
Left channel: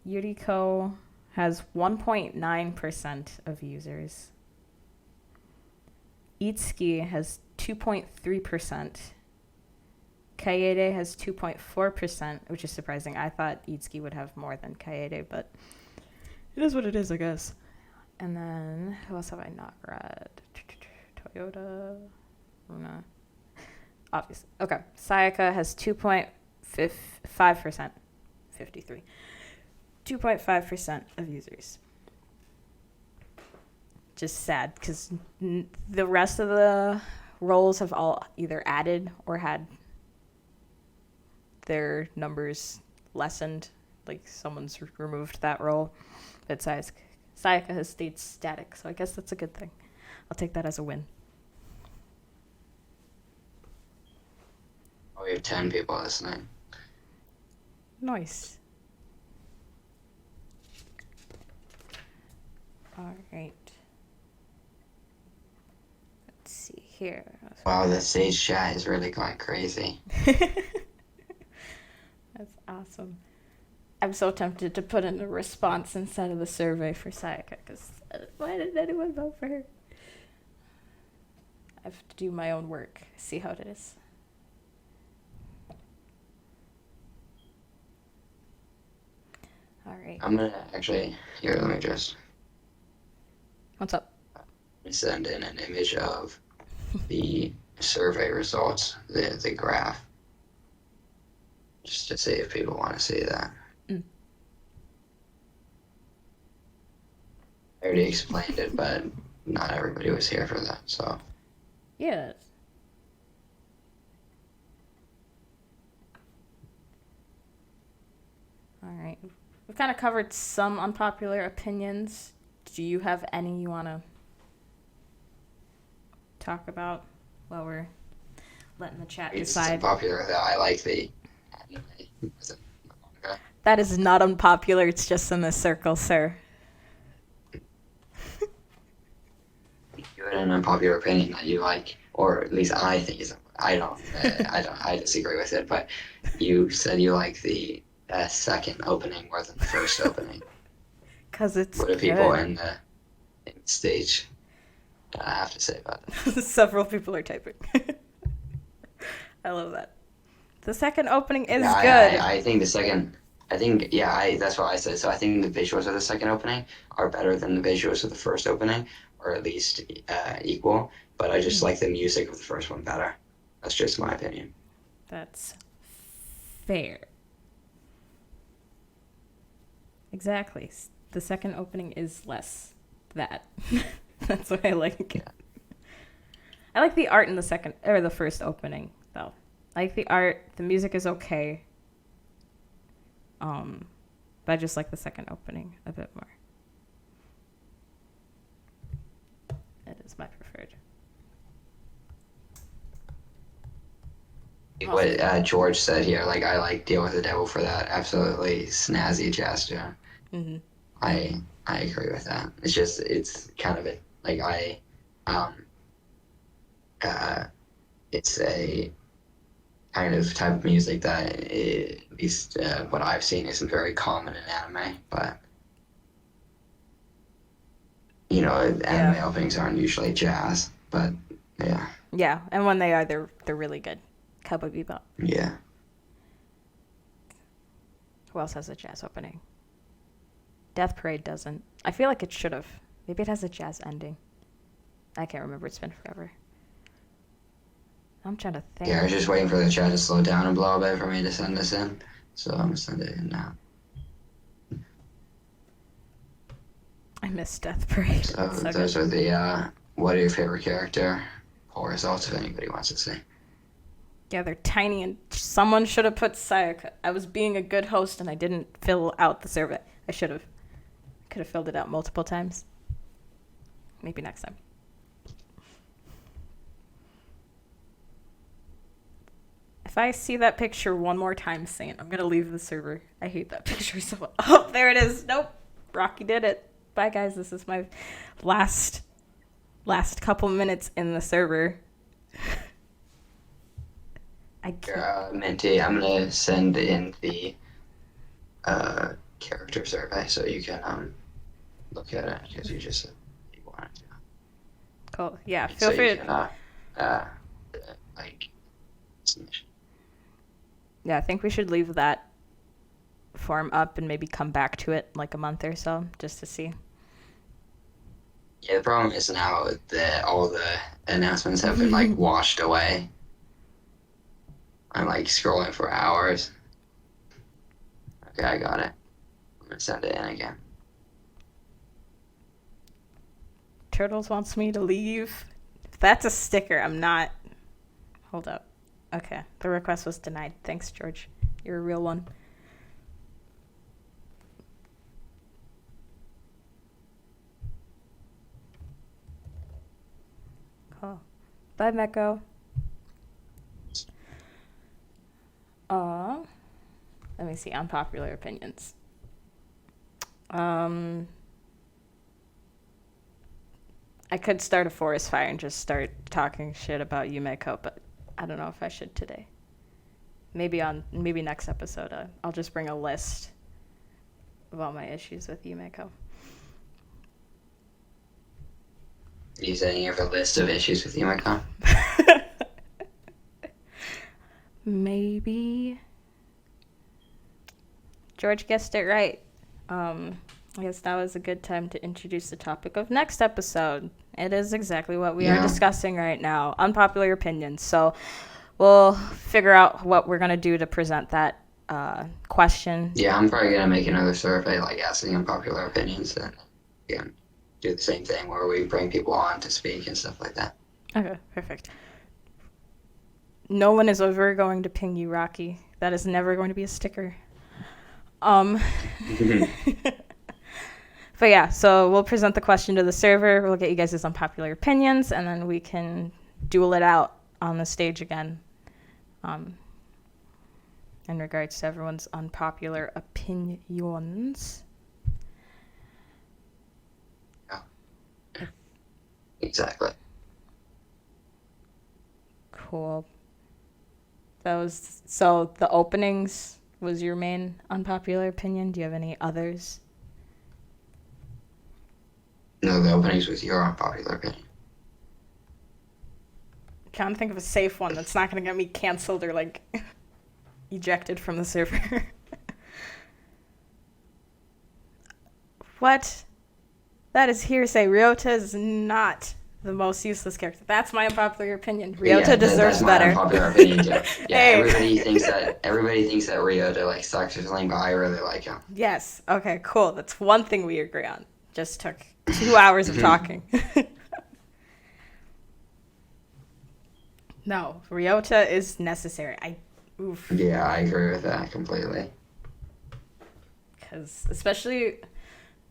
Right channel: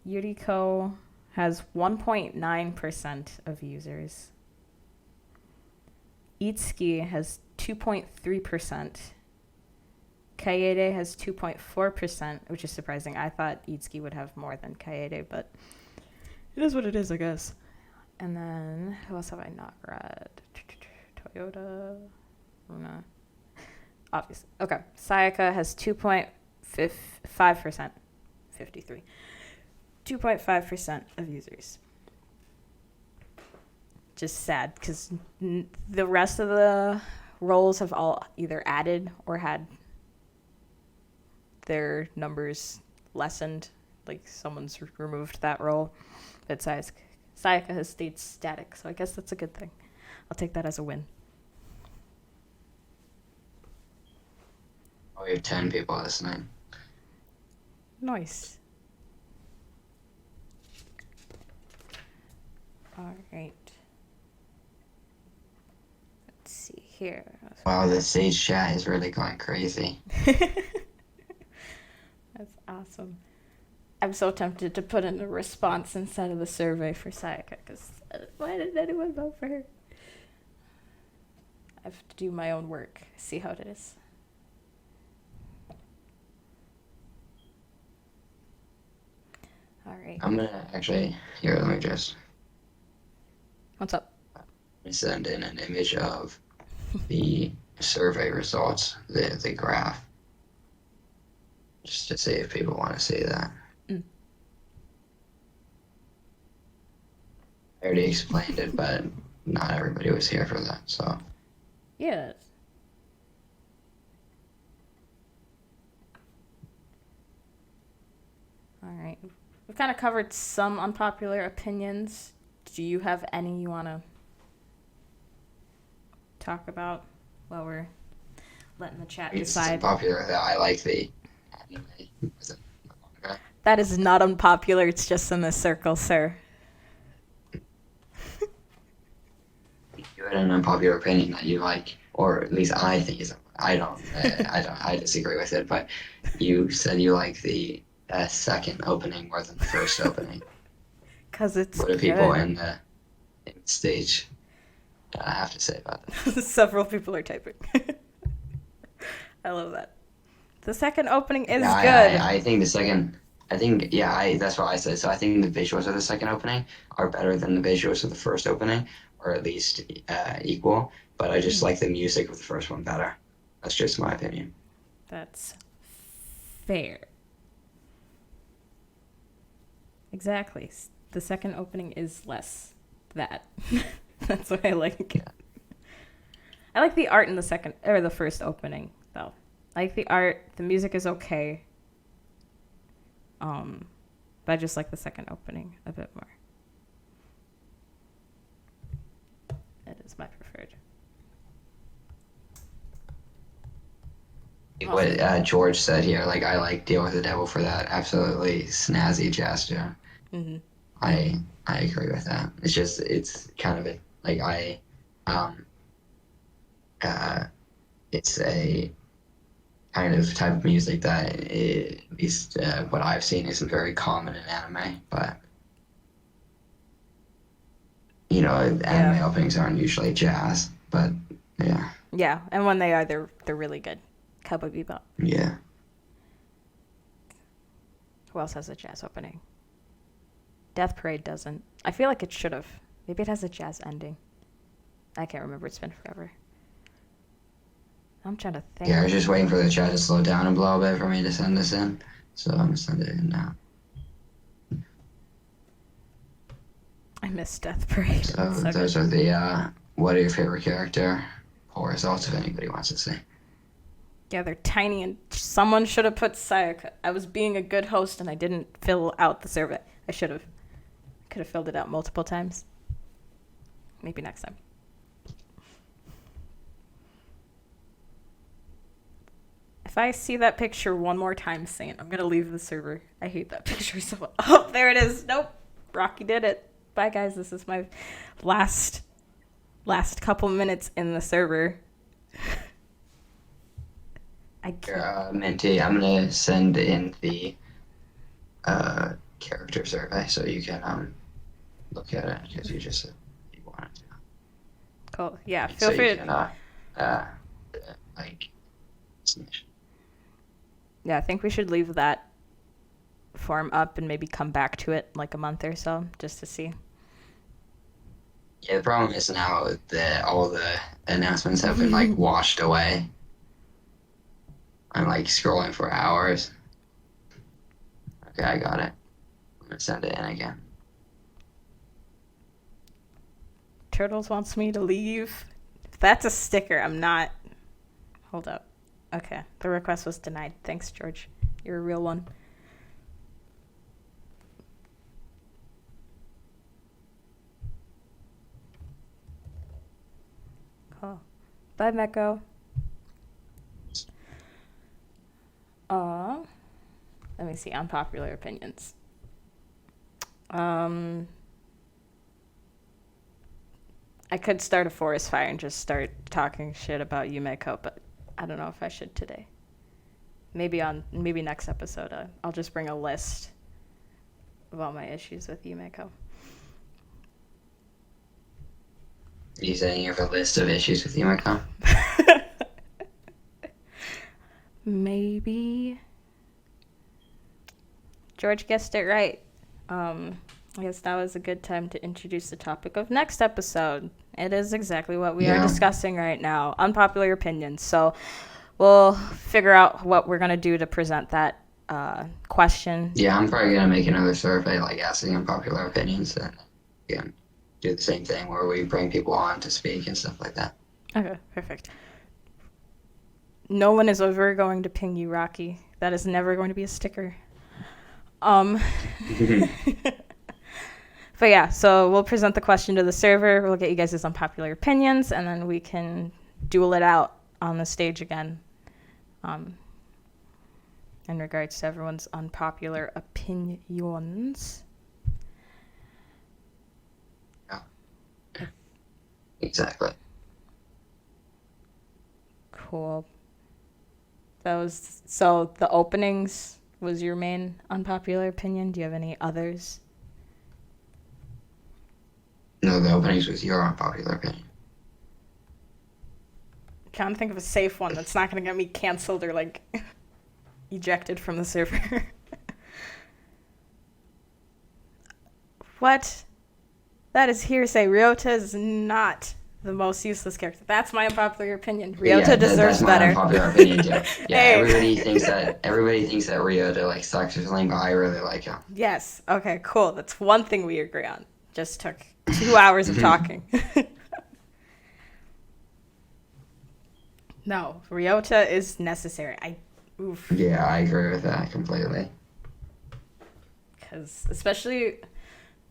Yuriko has 1.9% of users. Itsuki has 2.3%. Kaede has 2.4%, which is surprising. I thought Itsuki would have more than Kaede, but it is what it is, I guess. And then, who else have I not read? Toyota, Runa. Obviously. Okay. Sayaka has 2.5%. 53. 2.5% of users. Just sad, because the rest of the roles have all either added or had their numbers lessened. Like, someone's removed that role. But Sayaka has stayed static, so I guess that's a good thing. I'll take that as a win. Oh, we have 10 people listening. Nice. All right. Let's see here. Wow, the stage chat is really going crazy. That's awesome. I'm so tempted to put in a response instead of the survey for Sayaka, because why didn't anyone vote for her? I have to do my own work, see how it is. All right. I'm gonna actually, here, let me just What's up? send in an image of the survey results, the graph, just to see if people want to see that. I already explained it, but not everybody was here for that, so. Yeah. All right. We've kind of covered some unpopular opinions. Do you have any you want to talk about while we're letting the chat It's decide? popular that I like the. That is not unpopular. It's just in this circle, sir. You had an unpopular opinion that you like, or at least I think is. I don't. I disagree with it, but you said you like the second opening more than the first opening. Because it's What do good. people in the stage have to say about it? Several people are typing. I love that. The second opening is Yeah, good. I think the second. I think that's what I said. So I think the visuals of the second opening are better than the visuals of the first opening, or at least equal. But I just like the music of the first one better. That's just my opinion. That's fair. Exactly. The second opening is less that. That's what I like. I like the art in the first opening though. I like the art. The music is okay. But I just like the second opening a bit more. It is my preferred. What George said here, like I like Deal with the Devil for that absolutely snazzy jazz tune. Mm-hmm. I agree with that. It's kind of it's a kind of type of music that at least what I've seen isn't very common in anime, but anime openings aren't usually jazz, but yeah. Yeah, and when they are, they're really good. Cowboy Bebop. Yeah. Who else has a jazz opening? Death Parade doesn't. I feel like it should have. Maybe it has a jazz ending. I can't remember. It's been forever. I'm trying to think. Yeah, I was just waiting for the chat to slow down a little bit for me to send this in, so I'm gonna send it in now. I miss Death Parade. So those are the what are your favorite character poll results if anybody wants to say. Yeah, they're tiny, and someone should have put Sayaka. I was being a good host, and I didn't fill out the survey. I should have. Could have filled it out multiple times. Maybe next time. If I see that picture one more time, Saint, I'm going to leave the server. I hate that picture so much. Oh, there it is. Nope. Rocky did it. Bye, guys. This is my last couple minutes in the server. I can't. Minty, I'm gonna send in the character survey so you can look at it if you just you wanted to. Cool. Yeah, feel free to. Submission. Yeah, I think we should leave that form up and maybe come back to it like a month or so just to see. Yeah, the problem is now that all the announcements have been washed away. I'm scrolling for hours. Okay, I got it. I'm gonna send it in again. Turtles wants me to leave. If that's a sticker, I'm not. Hold up. Okay, the request was denied. Thanks, George. You're a real one. Cool. Bye, Meko. Let me see. Unpopular opinions. I could start a forest fire and just start talking shit about Yumeko, but I don't know if I should today. Maybe next episode, I'll just bring a list of all my issues with Yumeko. You saying you have a list of issues with Yumeko? Maybe. George guessed it right. I guess that was a good time to introduce the topic of next episode. It is exactly what we are discussing right now. Unpopular opinions. So we'll figure out what we're going to do to present that question. Yeah, I'm probably going to make another survey asking unpopular opinions and again, do the same thing where we bring people on to speak and stuff like that. Okay, perfect. No one is ever going to ping you, Rocky. That is never going to be a sticker. But yeah, so we'll present the question to the server. We'll get you guys' unpopular opinions, and then we can duel it out on the stage again. In regards to everyone's unpopular opinions. Yeah. Exactly. Cool. So the openings was your main unpopular opinion. Do you have any others? No, the openings was your unpopular opinion. I'm trying to think of a safe one that's not going to get me canceled or ejected from the server. What? That is hearsay. Ryota is not the most useless character. That's my unpopular opinion. Ryota deserves better. That's my unpopular opinion too. Yeah, Hey. everybody thinks that Ryota sucks or something, but I really like him. Yes. Okay, cool. That's one thing we agree on. Just took 2 hours of talking. No, Ryota is necessary. Oof. Yeah, I agree with that completely. Because especially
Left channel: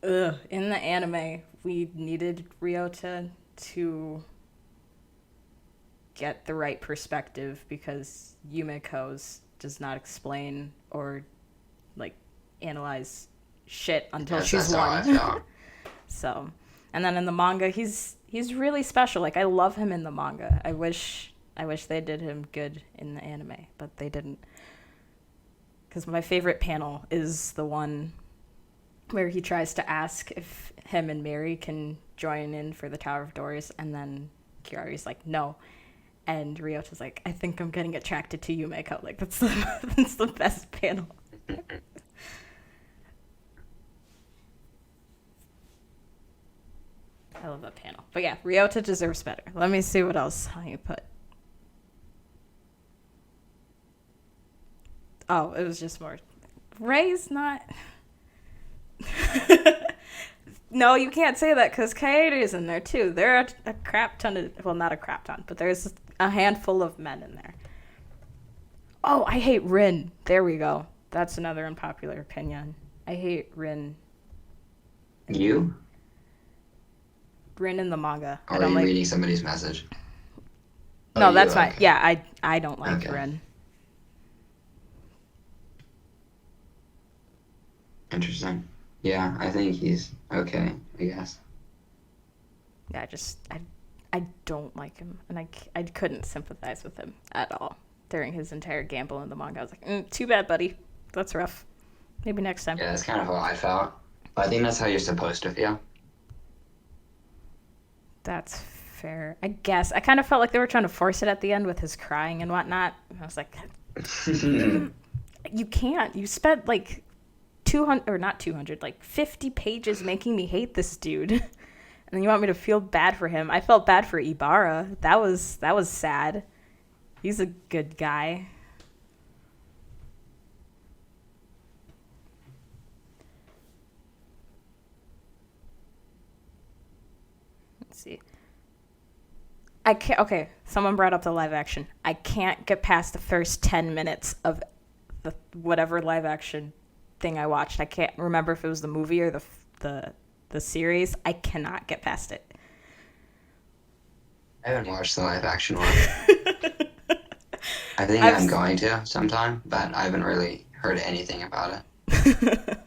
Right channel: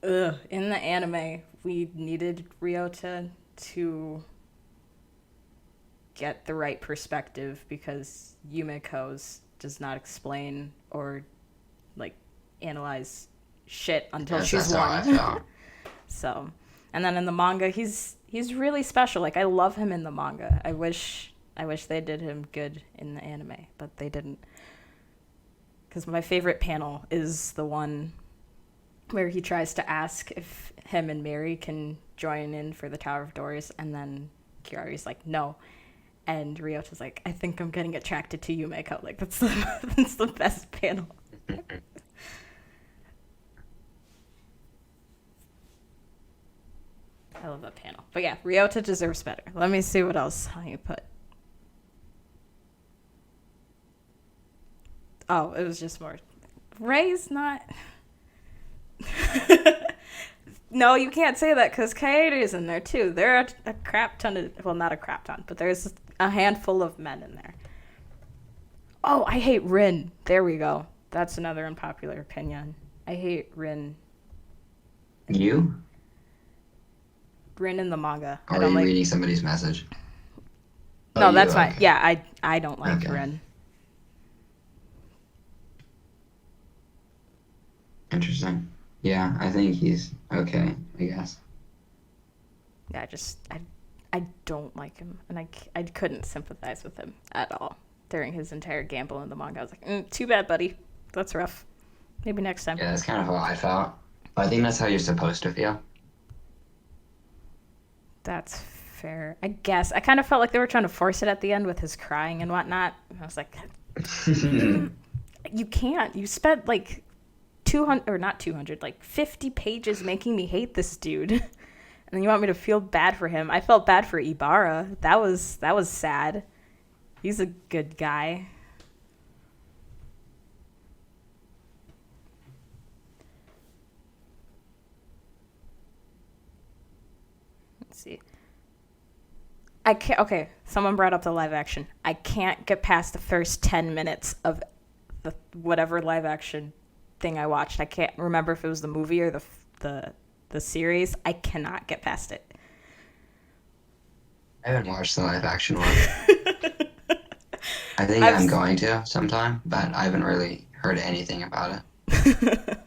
in the anime, we needed Ryota to get the right perspective because Yumiko's does not explain or like analyze shit until she's That's how I won. felt. So, and then in the manga, he's really special. Like I love him in the manga. I wish they did him good in the anime, but they didn't. Because my favorite panel is the one where he tries to ask if him and Mary can join in for the Tower of Doors, and then Kiari's like, no. And Ryota's like, I think I'm getting attracted to Yumeko. Like, that's the best panel. I love that panel. But yeah, Ryota deserves better. Let me see what else I put. Oh, it was just more. Ray's not. No, you can't say that because Kaede's in there too. There are a crap ton of. Well, not a crap ton, but there's a handful of men in there. Oh, I hate Rin. There we go. That's another unpopular opinion. I hate Rin. You? Rin in the manga. Or I are don't you like. reading somebody's message? No, Oh, that's you, fine. okay. Yeah, I don't like Okay. Rin. Interesting. Yeah, I think he's okay, I guess. Yeah, I don't like him, and I couldn't sympathize with him at all during his entire gamble in the manga. I was like, too bad, buddy. That's rough. Maybe next time. Yeah, that's kind of how I felt. But I think that's how you're supposed to feel. That's fair. I guess. I kind of felt like they were trying to force it at the end with his crying and whatnot. And I was like, you can't. You spent like 200, or not 200, like 50 pages making me hate this dude. And then you want me to feel bad for him. I felt bad for Ibarra. That was sad. He's a good guy. Let's see. I can't. Okay, someone brought up the live action. I can't get past the first 10 minutes of the whatever live action thing I watched. I can't remember if it was the movie or the series. I cannot get past it. I haven't watched the live action one. I think I've I'm going to sometime, but I haven't really heard anything about it.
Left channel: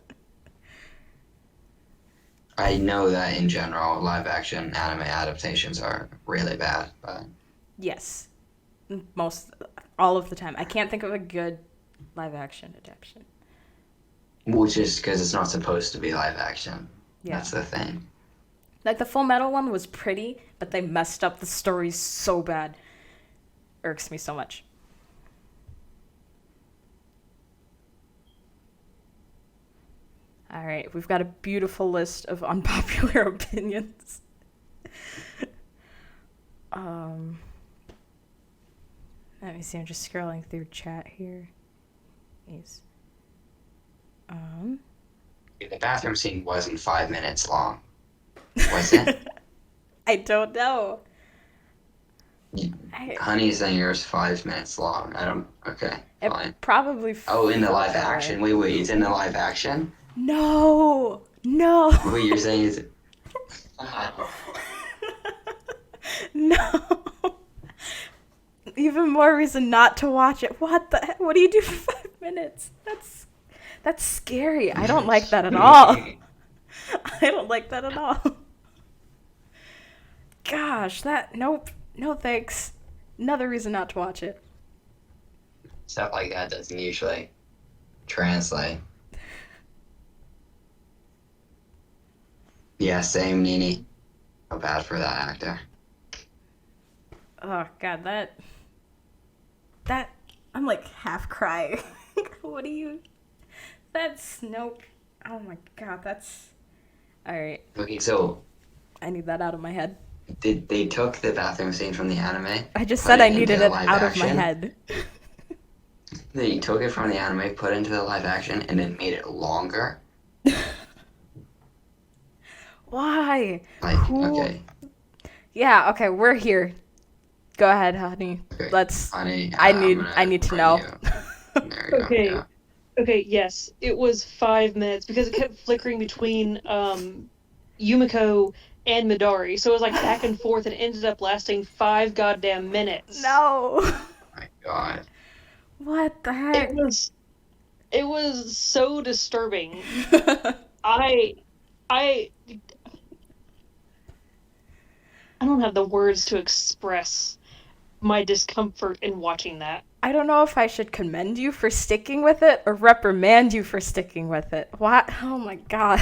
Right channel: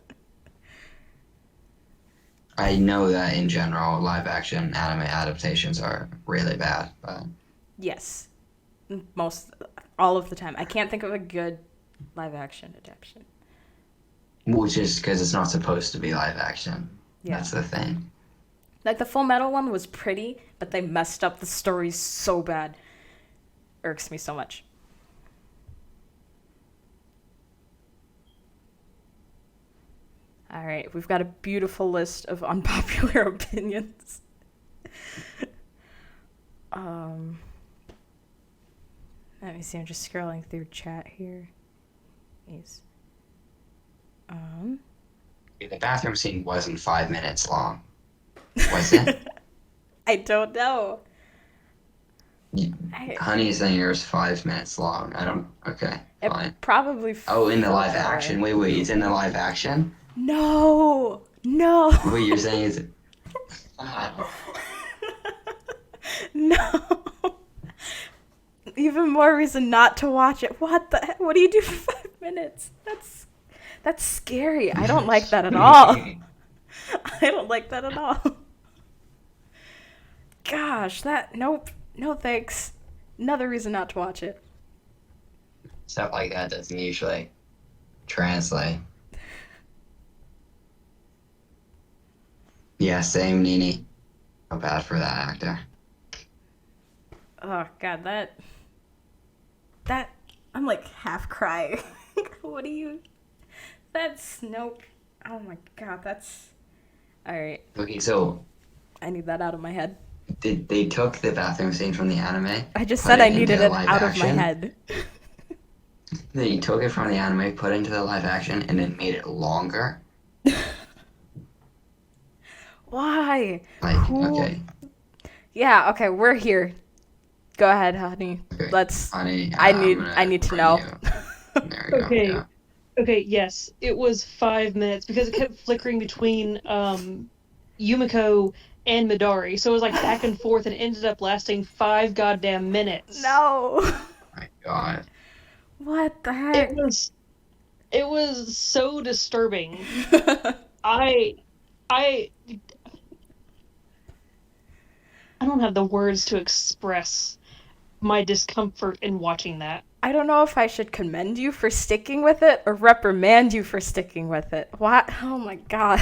I know that in general, live action anime adaptations are really bad, but Yes, all of the time. I can't think of a good live action adaptation. which is because it's not supposed to be live action. Yeah. That's the thing. Like the Full Metal one was pretty, but they messed up the story so bad. Irks me so much. All right, we've got a beautiful list of unpopular opinions. Let me see. I'm just scrolling through chat here. Yes. The bathroom scene wasn't 5 minutes long, was it? I don't know. Honey Singer's 5 minutes long. I don't. Okay, It fine. probably. Oh, in the felt live that way. action. Wait, it's in the live action. No. What you're saying is. No. Even more reason not to watch it. What the heck? What do you do for 5 minutes? That's scary. I don't like that at all. I don't like that at all. Gosh, nope. No thanks. Another reason not to watch it. Stuff like that doesn't usually translate. Yeah, same, Nini. So bad for that actor. Oh god, that I'm like half crying. What do you? That's nope. Oh my god, that's all right. Okay, so I need that out of my head. they took the bathroom scene from the anime? I just put said it I needed into it live out of my action? head. They took it from the anime, put it into the live action, and then made it longer? Why? Like, Who? okay. Yeah, okay, we're here. Go ahead, honey. Okay. Let's. Honey, I I'm need. gonna I need to bring know. you- There we go. Okay. Yeah. Okay, yes, it was 5 minutes because it kept flickering between Yumiko and Midori. So it was like back and forth and ended up lasting 5 goddamn minutes. No. My God. What the It heck? was so disturbing. I don't have the words to express my discomfort in watching that. I don't know if I should commend you for sticking with it or reprimand you for sticking with it. What? Oh my god.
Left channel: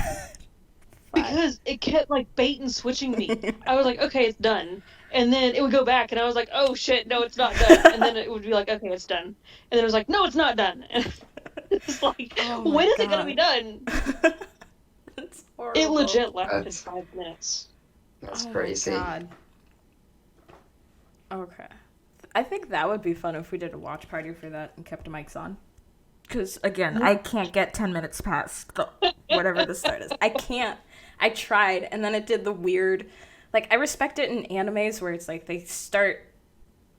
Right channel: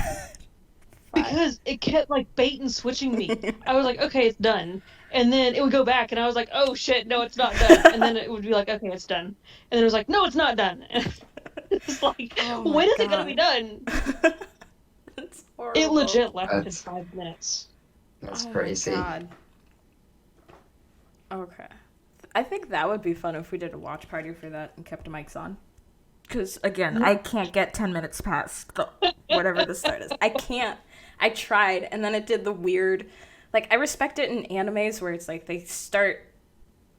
Because it kept like bait and switching me. I was like, okay, it's done. And then it would go back and I was like, oh shit, no, it's not done. And then it would be like, okay, it's done. And then it was like, no, it's not done. And it's like, Oh my when is it God. gonna be done? That's horrible. It legit lasted That's- 5 minutes. That's Oh crazy. my god. Okay. I think that would be fun if we did a watch party for that and kept the mics on. Because, again, I can't get 10 minutes past whatever the start is. I can't. I tried, and then it did the weird... Like, I respect it in animes where it's like they start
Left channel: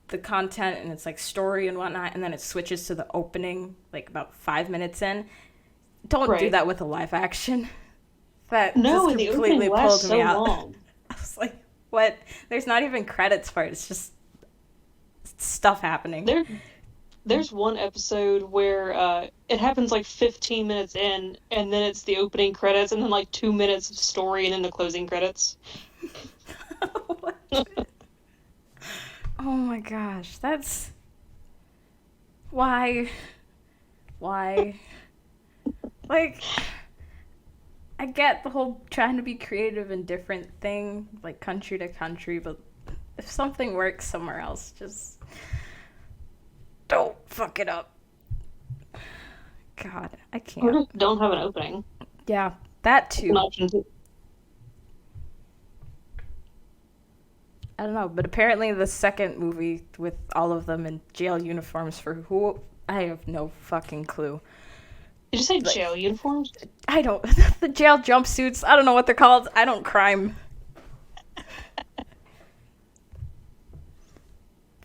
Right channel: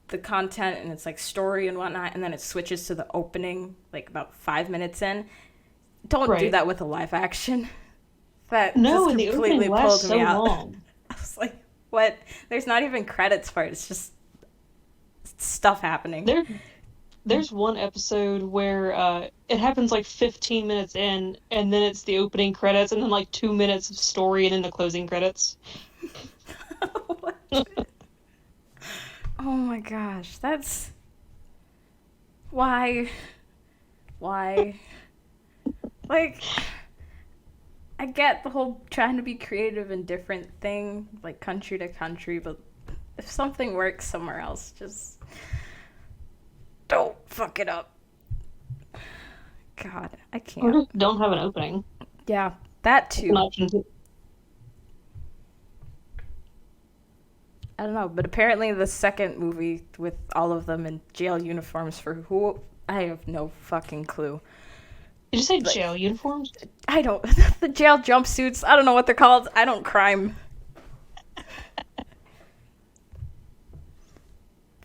the content and it's like story and whatnot, and then it switches to the opening, like about 5 minutes in. Don't do Right. that with a live action. That No, just and the completely opening pulled lasts me so out. long. I was like, what? There's not even credits for it. It's just stuff happening. There's one episode where it happens like 15 minutes in, and then it's the opening credits, and then like 2 minutes of story, and then the closing credits. Oh my gosh, that's... Why? Like, I get the whole trying to be creative and different thing, like country to country, but if something works somewhere else, just don't fuck it up. God, I Or can't. just don't have an opening. Yeah, that An too. option too. I don't know, but apparently the second movie with all of them in jail uniforms for who, I have no fucking clue. Did you say Like- jail uniforms? I don't, the jail jumpsuits, I don't know what they're called. I don't crime.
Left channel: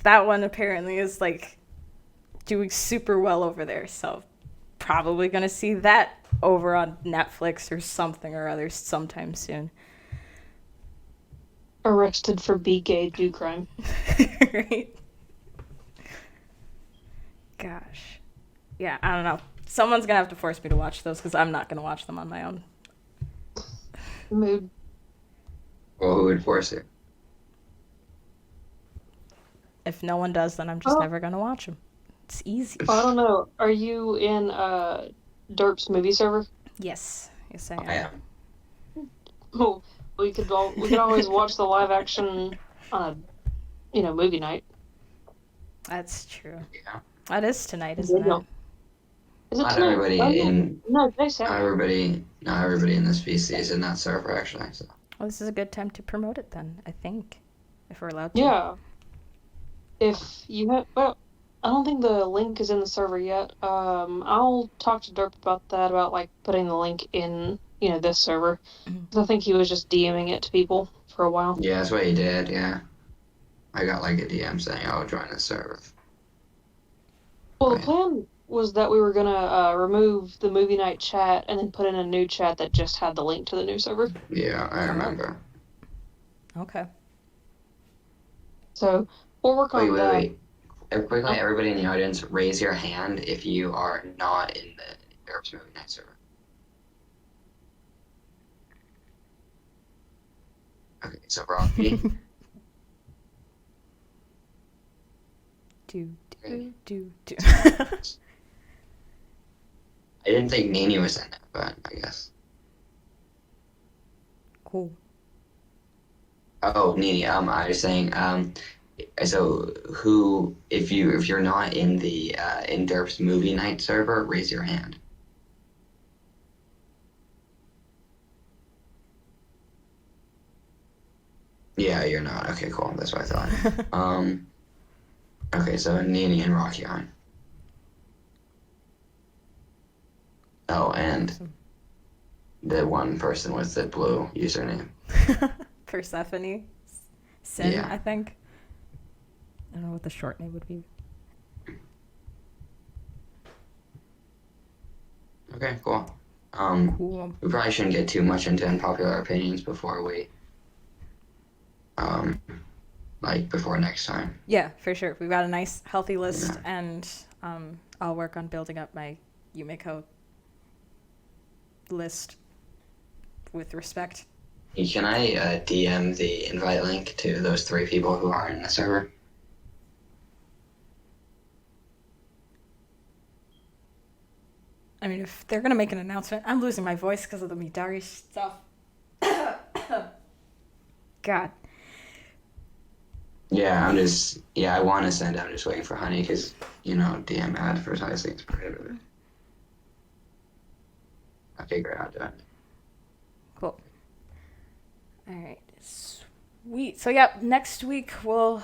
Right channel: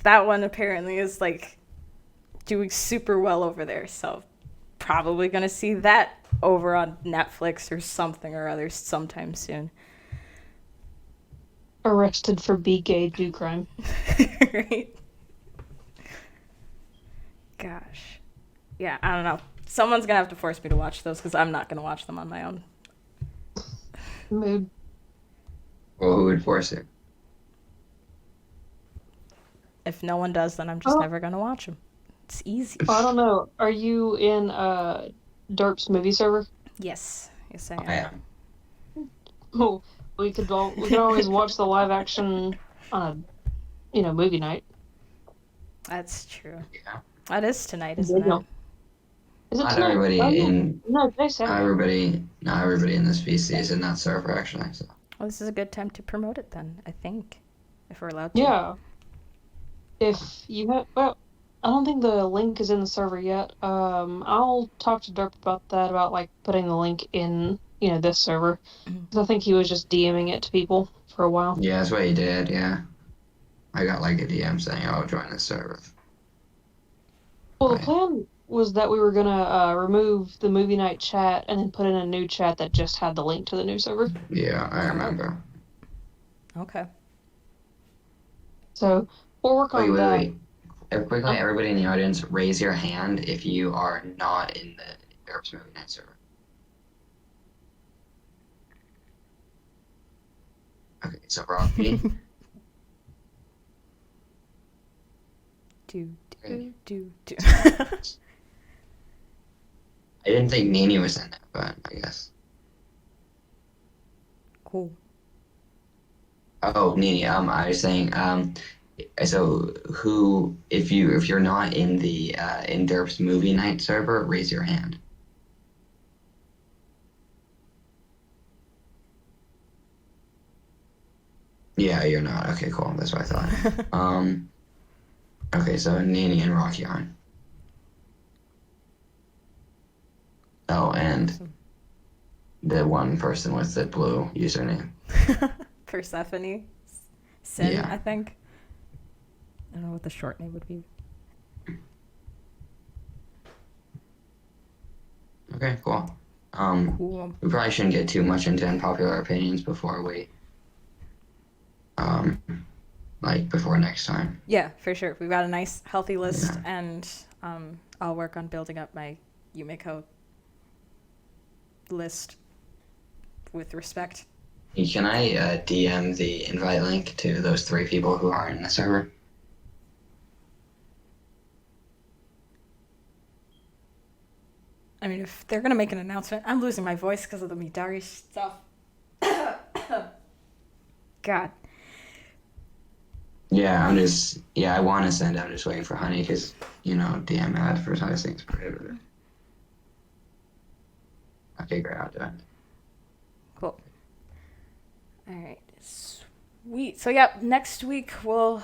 That one apparently is like doing super well over there, so probably gonna see that over on Netflix or something or other sometime soon. Arrested for be gay, do crime. Right? Gosh. Yeah, I don't know. Someone's gonna have to force me to watch those because I'm not gonna watch them on my own. Mood. Well, who would force it? If no one does, then I'm just Oh. never gonna watch them. It's easy. I don't know. Are you in Derp's movie server? Yes, I am. I am. Oh, we could always watch the live action on a movie night. That's true. Yeah. That is tonight, isn't Yeah. it? Is it Not tonight? everybody Oh, no. in No, today's not Saturday. everybody in this PC is in that server actually. So. Well, this is a good time to promote it then, I think. If we're allowed to. Yeah. If you have, well, I don't think the link is in the server yet. I'll talk to Derp about that, about like putting the link in, this server. Mhm. 'Cause I think he was just DMing it to people for a while. Yeah, that's what he did. Yeah, I got like a DM saying, "Oh, join the server." Well, the Right. plan was that we were gonna remove the movie night chat and then put in a new chat that just had the link to the new server. Yeah, I remember. Okay. So we'll work on that. Wait. Quickly, everybody in the audience, raise your hand if you are not in the Derp's Movie Night server. Okay, so Rocky. Do. I didn't think Nini was in it, but I guess. Cool. Oh, Nini. I was saying. So who, if you're not in the in Derp's Movie Night server, raise your hand. Yeah, you're not. Okay, cool. That's what I thought. Okay, so Nini and Rocky aren't. Oh, and Awesome. the one person with the blue username. Persephone. Sin, Yeah. I think. I don't know what the short name would be. Okay, cool. Cool. We probably shouldn't get too much into unpopular opinions before we, before next time. Yeah, for sure. We've got a nice, healthy list, Yeah. and I'll work on building up my Yumiko list with respect. Can I DM the invite link to those 3 people who aren't in the server? I mean, if they're gonna make an announcement, I'm losing my voice because of the Midari stuff. God. Yeah, I want to send. I'm just waiting for Honey because, DM advertising is prohibited. Okay, great. I'll do it. Cool. All right. Sweet. So, yeah, next week we'll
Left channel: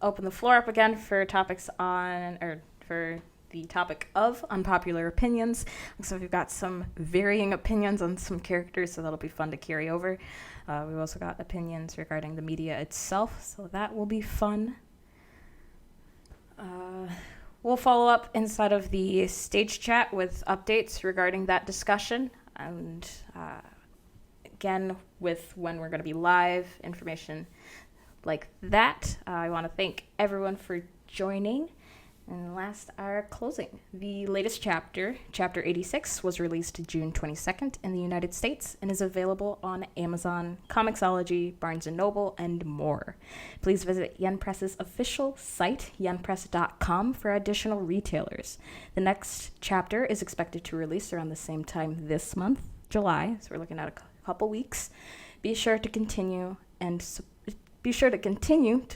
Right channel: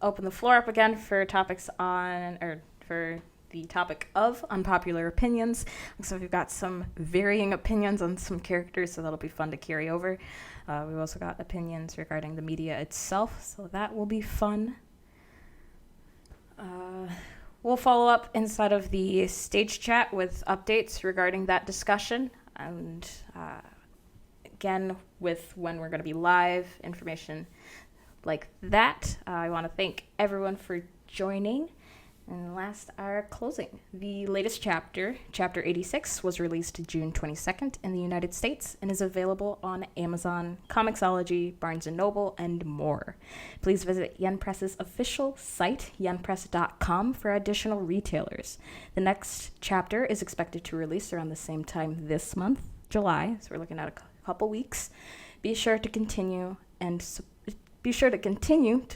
open the floor up again for for the topic of unpopular opinions. So we've got some varying opinions on some characters, so that'll be fun to carry over. We've also got opinions regarding the media itself, so that will be fun. We'll follow up inside of the stage chat with updates regarding that discussion, and again, with when we're going to be live, information like that. I want to thank everyone for joining. And last, our closing. The latest chapter, Chapter 86, was released June 22nd in the United States and is available on Amazon, Comixology, Barnes & Noble, and more. Please visit Yen Press's official site, yenpress.com, for additional retailers. The next chapter is expected to release around the same time this month, July, so we're looking at a couple weeks. Be sure to continue to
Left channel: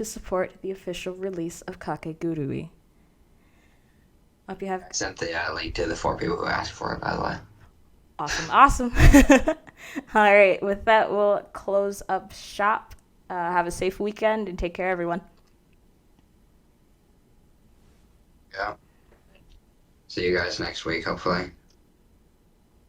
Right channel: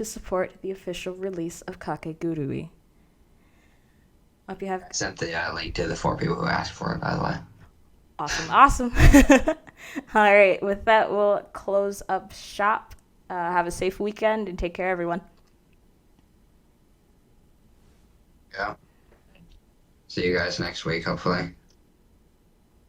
support the official release of Kakegurui. Hope you have. I sent the link to the 4 people who asked for it, by the way. Awesome. All right, with that, we'll close up shop. Have a safe weekend and take care, everyone. Yeah. See you guys next week, hopefully.